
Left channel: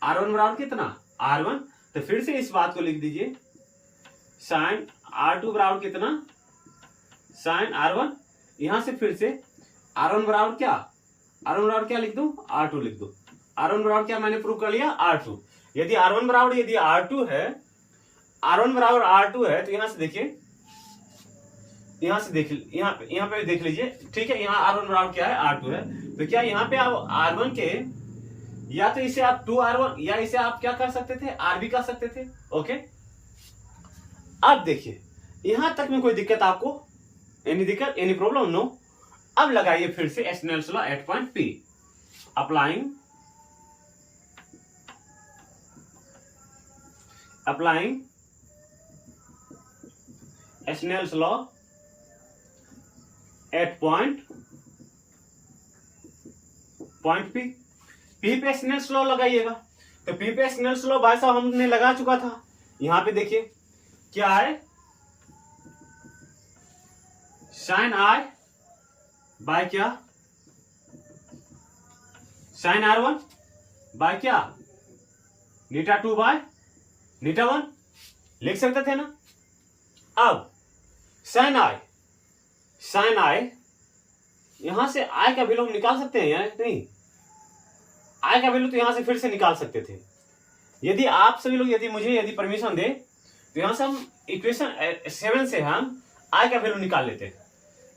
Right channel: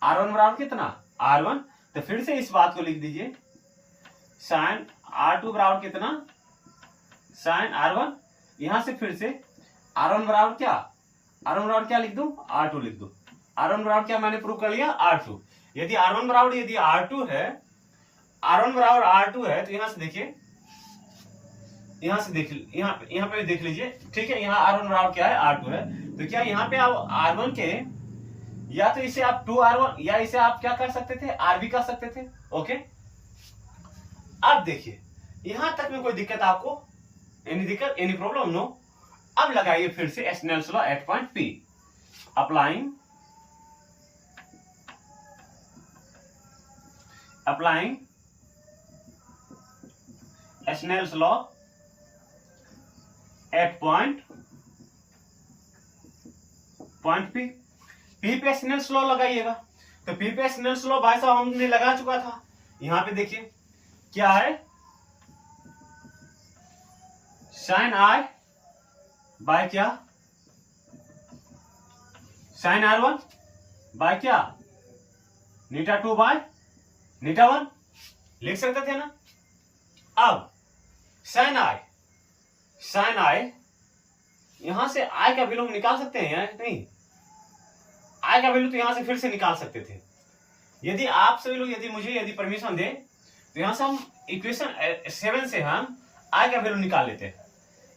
R1 बराबर कितना, R1। तो फिर से इस बात को लिख दीजिए, साइन R2 बराबर कितना, साइन R1। यहां से फिर से R1 बराबर क्या, R1 बराबर क्या लिख दूं, R2 लिख दूं। R1 बराबर क्या मैंने प्रूव कर लिया, R2। यदि R1 बराबर, यदि R2 है, R1 बराबर R2 है, तो यहां से देखिए, यहां से देख, यहां पे देख लीजिए, ठीक है। यहां R1 बराबर क्या है, R2 है। तो क्या यहां पे आप R1 के, या तो इसे आप 2R1, या इसे आप क्या कर सकते थे, R भी कर सकते थे। ओके, अब देखिए, यहां तक में कोई दिक्कत आपको, एनी दिक्कत, एनी प्रॉब्लम, नो। अब लगाइए फिर से Snell's law at point P। Applying Snell's law at point P। P पे स्नेल्स लॉ लगाइएगा। तो P पे स्नेल्स लॉ भाई साहब हमने लगा चुका था। यहां पे देखिए क्या है, साइन I बाय क्या, साइन R1 बाय क्या, नीटा 2 बाय नीटा 1 लिख सकते थे ना। अब साइन I यहां से I का वैल्यू हम निकाल सकते हैं या नहीं, I का वैल्यू तो यहां से फिर से निकाल सकते थे। यदि आप सभी लोग, यदि परमिशन दे, तो यहां से हम इक्वेशन 7 से हम I का वैल्यू निकाल लेते हैं।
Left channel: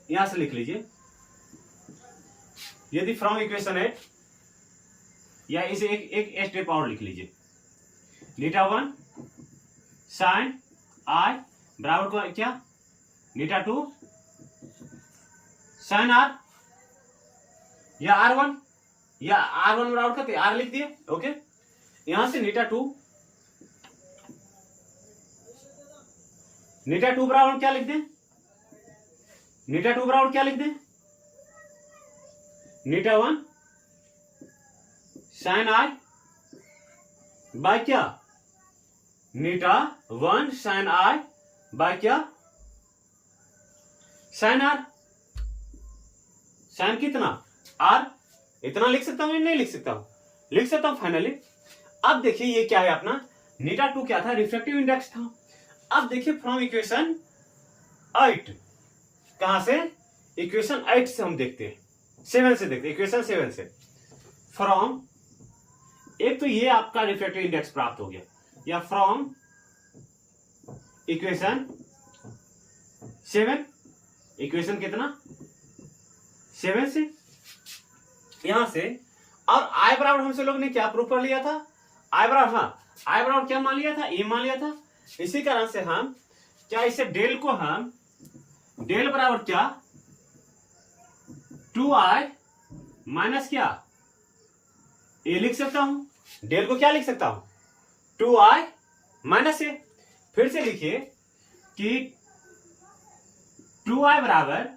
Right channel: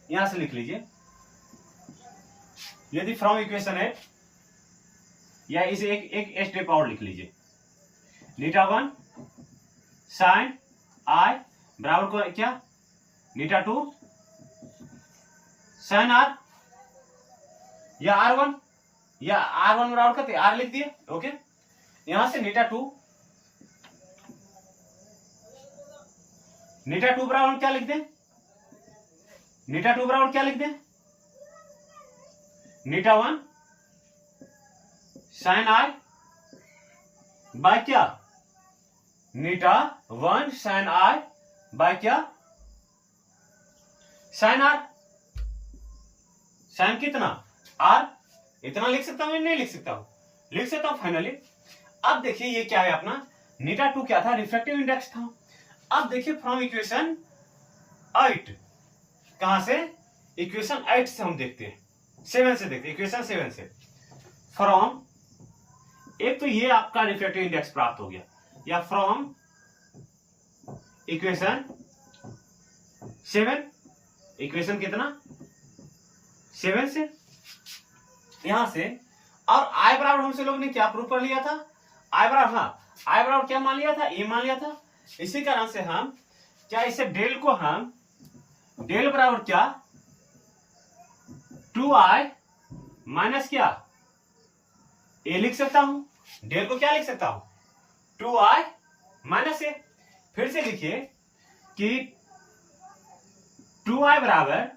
यहां से लिख लीजिए, यदि फ्रॉम इक्वेशन 8, या इसे एक स्टेप और लिख लीजिए, नीटा 1 साइन I बराबर को क्या, नीटा 2 साइन R, या R1, या R1 बराबर करते R लिख दिए। ओके, यहां से नीटा 2 बराबर क्या लिख दें, नीटा 2 बराबर क्या लिख दें, नीटा 1 साइन I बाय क्या, नीटा 1 साइन I बाय क्या, साइन R। साइन कितना, R, इतना लिख सकता हूं या नहीं लिख सकता हूं, लिख सकता हूं फाइनली। अब देखिए ये क्या है अपना नीटा 2 क्या था, रिफ्रैक्टिव इंडेक्स था। अब देखिए फ्रॉम इक्वेशन 8, कहां से, इक्वेशन 8 से हम देखते हैं, 7 से देखते हैं, इक्वेशन 7 से फ्रॉम, एक तो ये आपका रिफ्रैक्टिव इंडेक्स प्राप्त हो गया, या फ्रॉम इक्वेशन 7, इक्वेशन कितना 7 से, यहां से। और आई बराबर हमसे लोग ने क्या प्रूफ कर लिया था, आई बराबर, हाँ आई बराबर क्या मान लिया था, ए मान लिया था। इसी कारण से हम क्या इसे डेल को हम डेल बराबर क्या 2i माइनस क्या ए लिख सकता हूं, डेल को क्या लिख सकता हूं 2i माइनस ए। फिर से लिखिए कि 2i बराबर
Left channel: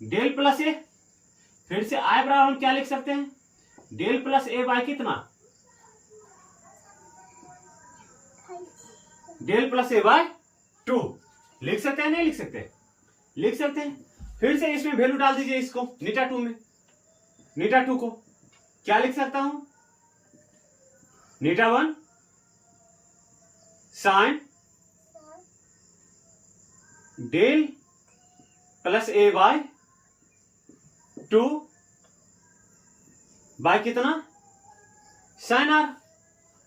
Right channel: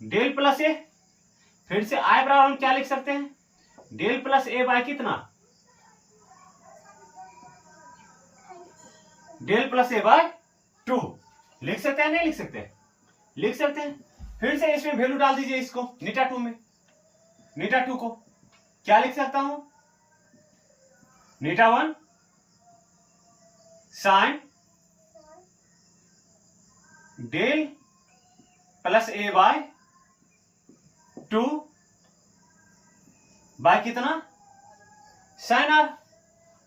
डेल प्लस ए, फिर से i बराबर हम क्या लिख सकते हैं, डेल प्लस ए बाय कितना, डेल प्लस ए बाय 2 लिख सकते हैं, नहीं लिख सकते, लिख सकते हैं। फिर से इसमें वैल्यू डाल दीजिए, इसको नीटा 2 में, नीटा 2 को क्या लिख सकता हूं, नीटा 1 साइन डेल प्लस ए बाय 2 बाय कितना साइन आर,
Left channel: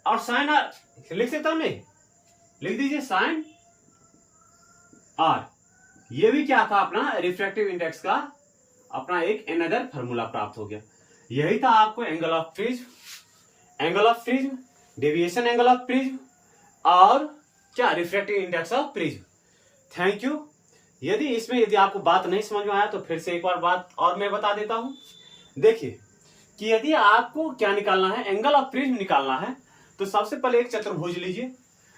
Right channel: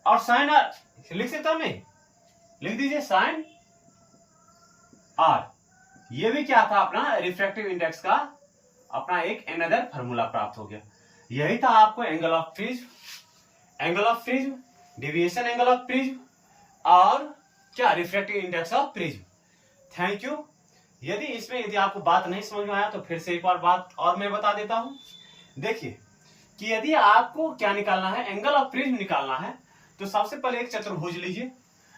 और साइन आर लिख सकता हूं, नहीं लिख दीजिए साइन आर। ये भी क्या था अपना रिफ्रैक्टिव इंडेक्स का अपना एक अनदर फार्मूला प्राप्त हो गया। यही था आपको angle of prism, angle of prism, deviation angle of prism, और क्या refractive index of prism. Thank you. यदि आपको बात नहीं समझ में आया तो फिर से एक बार बात और मैं बता देता हूं। देखिए कि यदि आपको क्या निकालना है, एंगल ऑफ प्रिज्म निकालना है, तो सबसे पहले एक चतुर्भुज लीजिए।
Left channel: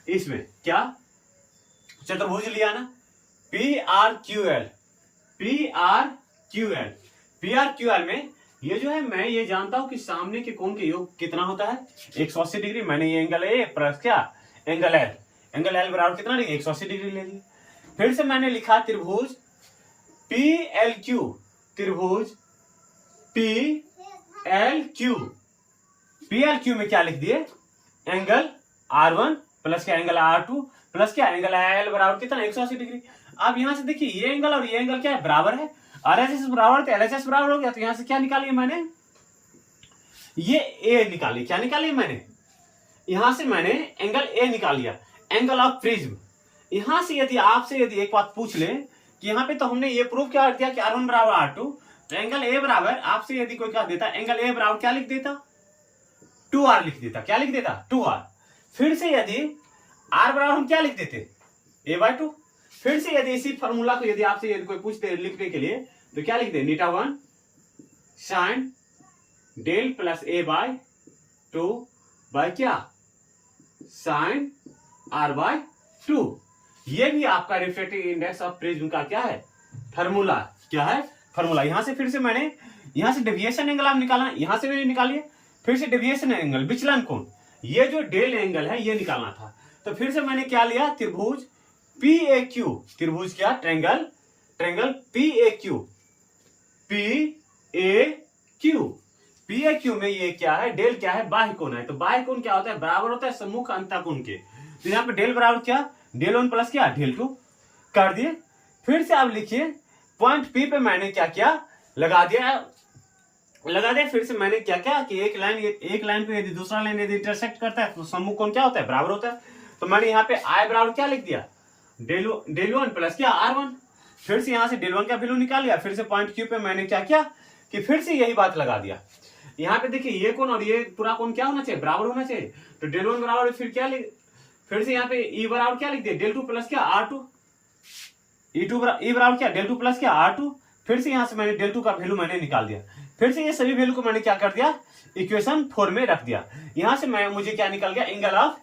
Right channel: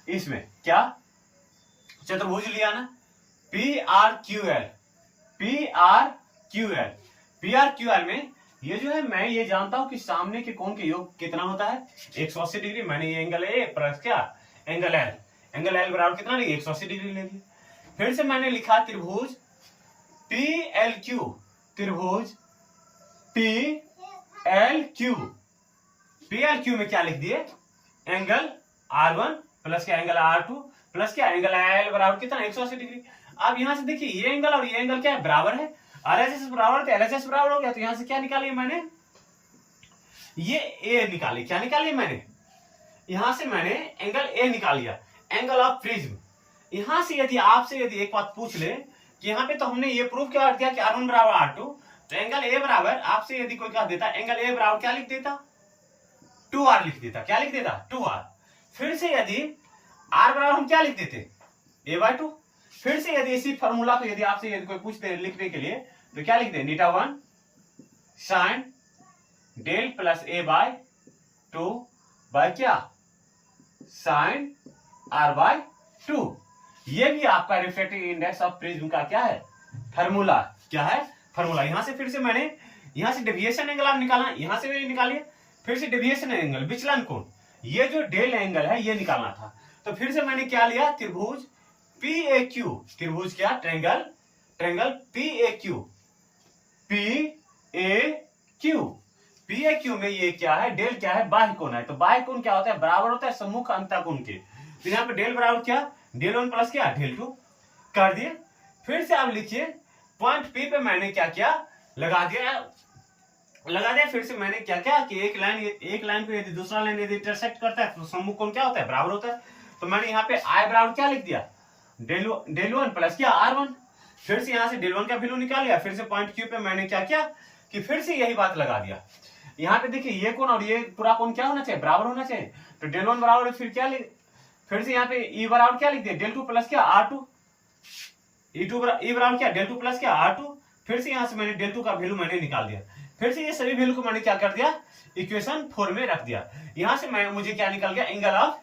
इसमें क्या चतुर्भुज लिया ना, PRQL, PRQL, PRQL में ये जो है मैं ये जानता हूं कि सामने के कोण के योग कितना होता है 180 डिग्री। मैंने ये एंगल ए प्लस क्या एंगल एल, एंगल एल बराबर कितना डिग्री 180 डिग्री ले लिया। फिर से मैंने लिखा त्रिभुज PLQ, त्रिभुज PLQ, PLQ में क्या लिख दिए एंगल R1 प्लस क्या एंगल R2 प्लस क्या एंगल एल बराबर कितना 180 डिग्री। अब यहां से देखिए ये एंगल और ये एंगल क्या है बराबर है, RHS बराबर तो LHS बराबर हो गया। तो यहां से क्या निकाली मैंने, ये ए निकाली, क्या निकाली मैंने, यहां से मैंने एंगल ए निकाल लिया, एंगल ऑफ प्रिज्म। यहां से यदि आपसे यदि एक बात पूछ ले कि यहाँ पे तो हमने ये प्रूफ क्या दिया कि R1 बराबर R2, तो एंगल ए बराबर आपसे यदि कोई कह देता एंगल ए बराबर क्या लिख देता 2R लिख देता, क्या लिख देता 2R। फिर से यदि R बराबर हम क्या लिख देते a/2। फिर से यदि इसी फॉर्मूला को यदि आपसे यदि कोई पूछते लिखने के लिए तो क्या लिख दे नीटा 1 sine del plus a/2 by क्या साइन r/2। ये भी आपका रिफ्रैक्टिव इंडेक्स ऑफ प्रिज्म का क्या है फार्मूला, क्या है फार्मूला। यहां से फिर से मैंने यहां से डेविएशन एंगल आप निकालना, यहां से भी निकालिए, फिर से डेविएशन एंगल विचलन कोण, ये जो डेल एंगल है ये निकालना था। तो फिर से मैंने क्या लिया त्रिभुज PAQ, त्रिभुज क्या ट्रायंगल, ट्रायंगल PAQ, PAQ में ये क्या है डेल क्या है बाह्य कोण है। तो बाह्य कोण क्या होता है बराबर होता है सम्मुख अंतःकोण के। तो यहाँ पे डेल बराबर क्या डेल 1 प्लस क्या डेल 2 कर दिए। फिर से आप लिखिए पॉइंट P पे मैंने क्या किया लगा दिया। फिर से मैंने क्या किया कि एक लाइन पे यदि दूसरा लाइन यदि इंटरसेक्ट करता है तो सम्मुख कोण क्या होता है बराबर होता है। तो मैंने यहाँ पे I बराबर क्या लिख दिया डेल 1 प्लस क्या R1। फिर से यहाँ से डेल 1 का वैल्यू निकाल लिया। फिर से पॉइंट Q पे मैंने क्या किया कि फिर से यही बात लगा दिया। यहाँ पे देखिए ये कोण और ये पूरा कोण क्या होना चाहिए बराबर होना चाहिए। तो डेल 1 बराबर फिर क्या फिर से यहाँ पे E बराबर क्या लिख दिया डेल 2 प्लस क्या R2, E बराबर क्या डेल 2 प्लस क्या R2। फिर से यहाँ से मैंने डेल 2 का वैल्यू मैंने निकाल दिया। फिर से ये सभी वैल्यू को मैंने क्या कर दिया इक्वेशन 4 में रख दिया। यहां से मुझे क्या निकल गया एंगल ऑफ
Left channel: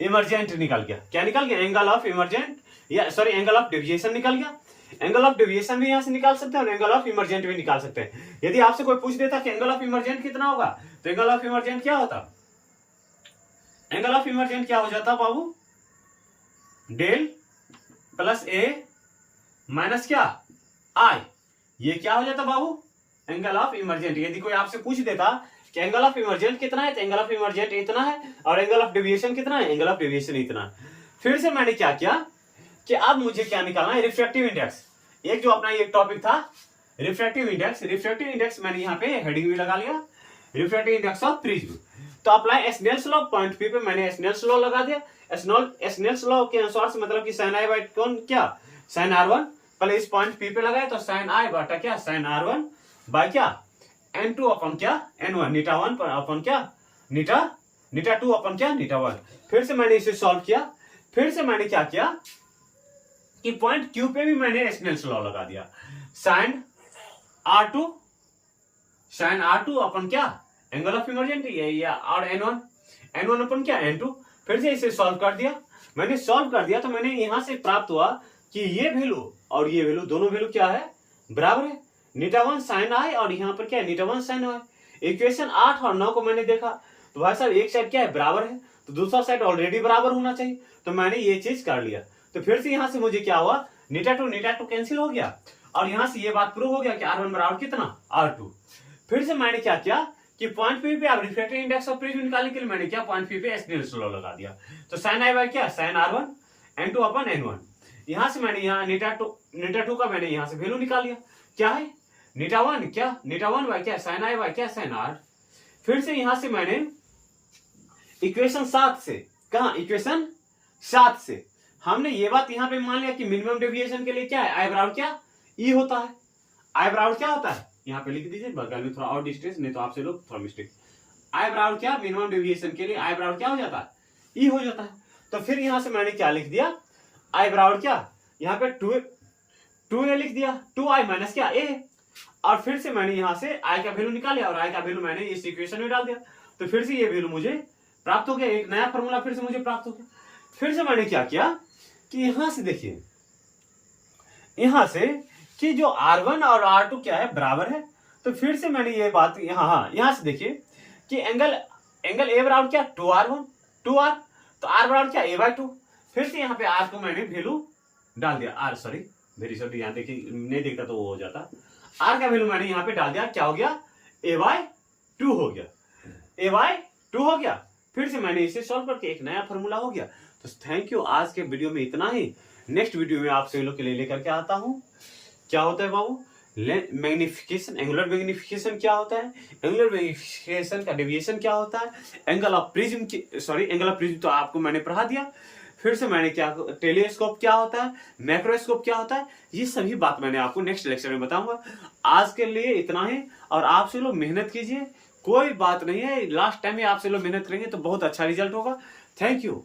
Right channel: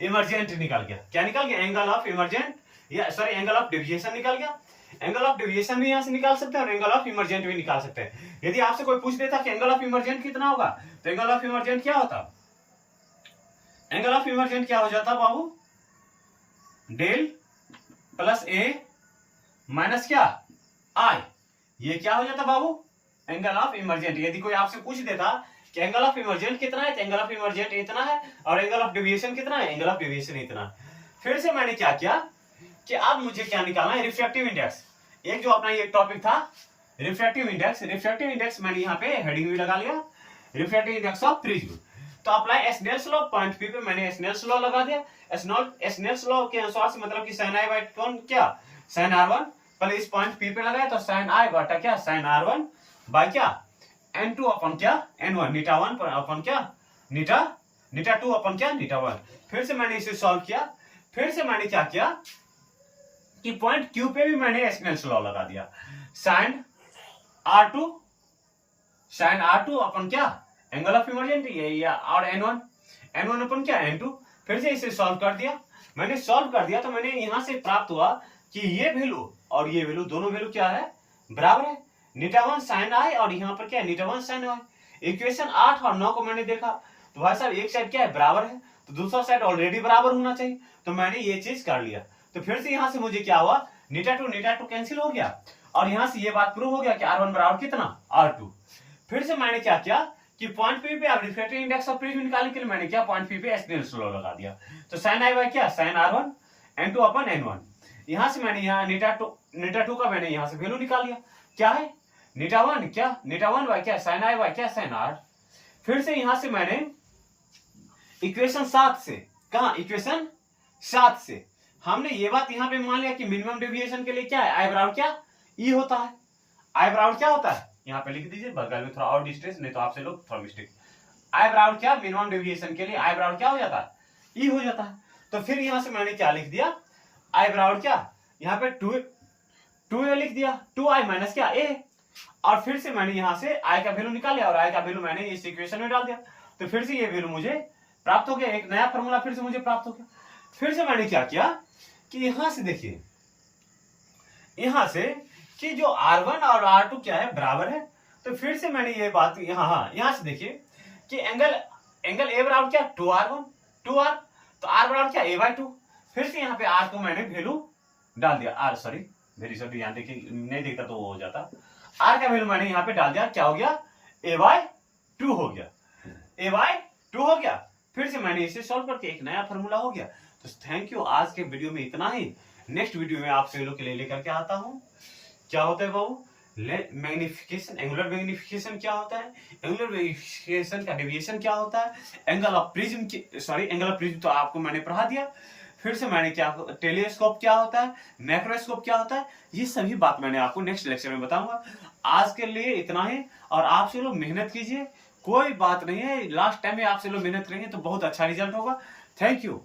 इमरजेंट निकल गया। क्या निकल गया एंगल ऑफ इमरजेंट, या सॉरी एंगल ऑफ डेविएशन निकल गया। एंगल ऑफ डेविएशन भी यहां से निकाल सकते हैं और एंगल ऑफ इमरजेंट भी निकाल सकते हैं। यदि आपसे कोई पूछ देता कि एंगल ऑफ इमरजेंट कितना होगा तो एंगल ऑफ इमरजेंट क्या होता, एंगल ऑफ इमरजेंट क्या हो जाता बाबू डेल प्लस ए माइनस क्या आई। ये क्या हो जाता बाबू एंगल ऑफ इमरजेंट। यदि कोई आपसे पूछ देता कि एंगल ऑफ इमर्जेंट कितना है, तो एंगल ऑफ इमर्जेंट इतना है, और एंगल ऑफ डेविएशन कितना है, एंगल ऑफ डेविएशन इतना है। फिर से मैंने क्या किया कि अब मुझे क्या निकालना है, रिफ्रैक्टिव इंडेक्स। एक जो अपना ये टॉपिक था रिफ्रैक्टिव इंडेक्स, रिफ्रैक्टिव इंडेक्स मैंने यहाँ पे हेडिंग भी लगा लिया, रिफ्रैक्टिव इंडेक्स ऑफ प्रिज्म। तो apply Snell's law, point P पे मैंने स्नेल्स लॉ लगा दिया। स्नेल्स लॉ के अनुसार से मतलब कि साइन आई बाई कौन क्या, साइन R1 पहले इस पॉइंट पी पे लगाया, तो साइन आई बटा क्या, साइन R1 बाय क्या, N2 अपन क्या, N1 नीटा 1 अपन क्या, नीटा 2 अपन क्या, नीटा 1। फिर से मैंने इसे सॉल्व किया। फिर से मैंने क्या किया कि पॉइंट क्यू पे भी मैंने स्नेल्स लॉ लगा दिया, साइन R2 अपन क्या, एंगल ऑफ इमर्जेंट या, और N1 अपन क्या, N2। फिर से इसे सॉल्व कर दिया। मैंने सॉल्व कर दिया तो मैंने यहां से प्राप्त हुआ कि ये वैल्यू और ये वैल्यू दोनों वैल्यू क्या है, बराबर है, नीटा 1 साइन आई और यहाँ पर क्या है, नीटा 1 साइन आई। इक्वेशन 8 और 9 को मैंने देखा तो भाई साहब एक साइड क्या है, बराबर है, तो दूसरा साइड ऑलरेडी बराबर होना चाहिए, तो मैंने ये चीज कर लिया। तो फिर से यहां से मुझे क्या हुआ, नीटा टू कैंसिल हो गया, और यहां से ये बात प्रूव हो गया कि R1 बराबर कितना, R2। फिर से मैंने क्या किया कि पॉइंट पी पे अब रिफ्रैक्टिव इंडेक्स ऑफ प्रिज्म निकालने के लिए मैंने क्या, पॉइंट पी पे स्नेल्स लॉ लगा दिया। तो साइन आई बाय क्या, साइन R1 N2 अपन N1। यहां से मैंने यहाँ नीटा टू का मैंने यहां से वैल्यू निकाल लिया, क्या है, नीटा 1 क्या, नीटा 1 बाय क्या, साइन आई बाय क्या, साइन R। फिर से यहां से मैंने इक्वेशन 7 से, कहा इक्वेशन 7 से हमने ये बात यहां पे मान लिया कि मिनिमम डेविएशन के लिए क्या है, आई बराबर क्या, ई होता है। आई बराबर क्या होता है, यहाँ पे लिख दीजिए, बगल में थोड़ा और डिस्टेंस, नहीं तो आपसे लोग थोड़ा मिस्टेक। आई बराबर क्या, मिनिमम डेविएशन के लिए आई बराबर क्या हो जाता है, ई हो जाता है। तो फिर यहां से मैंने क्या लिख दिया, आई बराबर क्या, यहाँ पे 2a लिख दिया, 2i माइनस क्या, a। और फिर से मैंने यहां से आई का वैल्यू निकाल लिया और आई का वैल्यू मैंने इस इक्वेशन में डाल दिया। तो फिर से ये वैल्यू मुझे प्राप्त हो गया, एक नया फॉर्मूला फिर से मुझे प्राप्त हो गया। फिर से मैंने क्या किया कि यहां से देखिए, यहां से कि जो R1 और R2 क्या है, बराबर है। तो फिर से मैंने ये बात यहां से देखिए कि एंगल ए बराबर क्या, 2R1 2R, तो R बराबर क्या, a बाई 2। फिर से यहाँ पे R को मैंने वैल्यू डाल दिया, R सॉरी वेरी सॉरी, यहाँ देखिए नहीं दिखता तो वो हो जाता, R का वैल्यू मैंने यहाँ पे डाल दिया, क्या हो गया, a बाई 2 हो गया, a बाई 2 हो गया। फिर से मैंने इसे सॉल्व करके एक नया फॉर्मूला हो गया। तो थैंक यू, आज के वीडियो में इतना ही। नेक्स्ट वीडियो में आपसे लोग के लिए लेकर के आता हूं। क्या होता है बाबू, मैग्निफिकेशन, एंगुलर मैग्निफिकेशन क्या होता है, एंगुलर मैग्निफिकेशन का डेविएशन क्या होता है, एंगल ऑफ प्रिज्म तो आपको मैंने पढ़ा दिया। फिर से मैंने क्या, टेलीस्कोप क्या होता है, मैक्रोस्कोप क्या होता है, ये सभी बात मैंने आपको नेक्स्ट लेक्चर में बताऊंगा। आज के लिए इतना ही, और आपसे लोग मेहनत कीजिए, कोई बात नहीं है, लास्ट टाइम में आपसे लोग मेहनत करेंगे तो बहुत अच्छा रिजल्ट होगा। Thank you.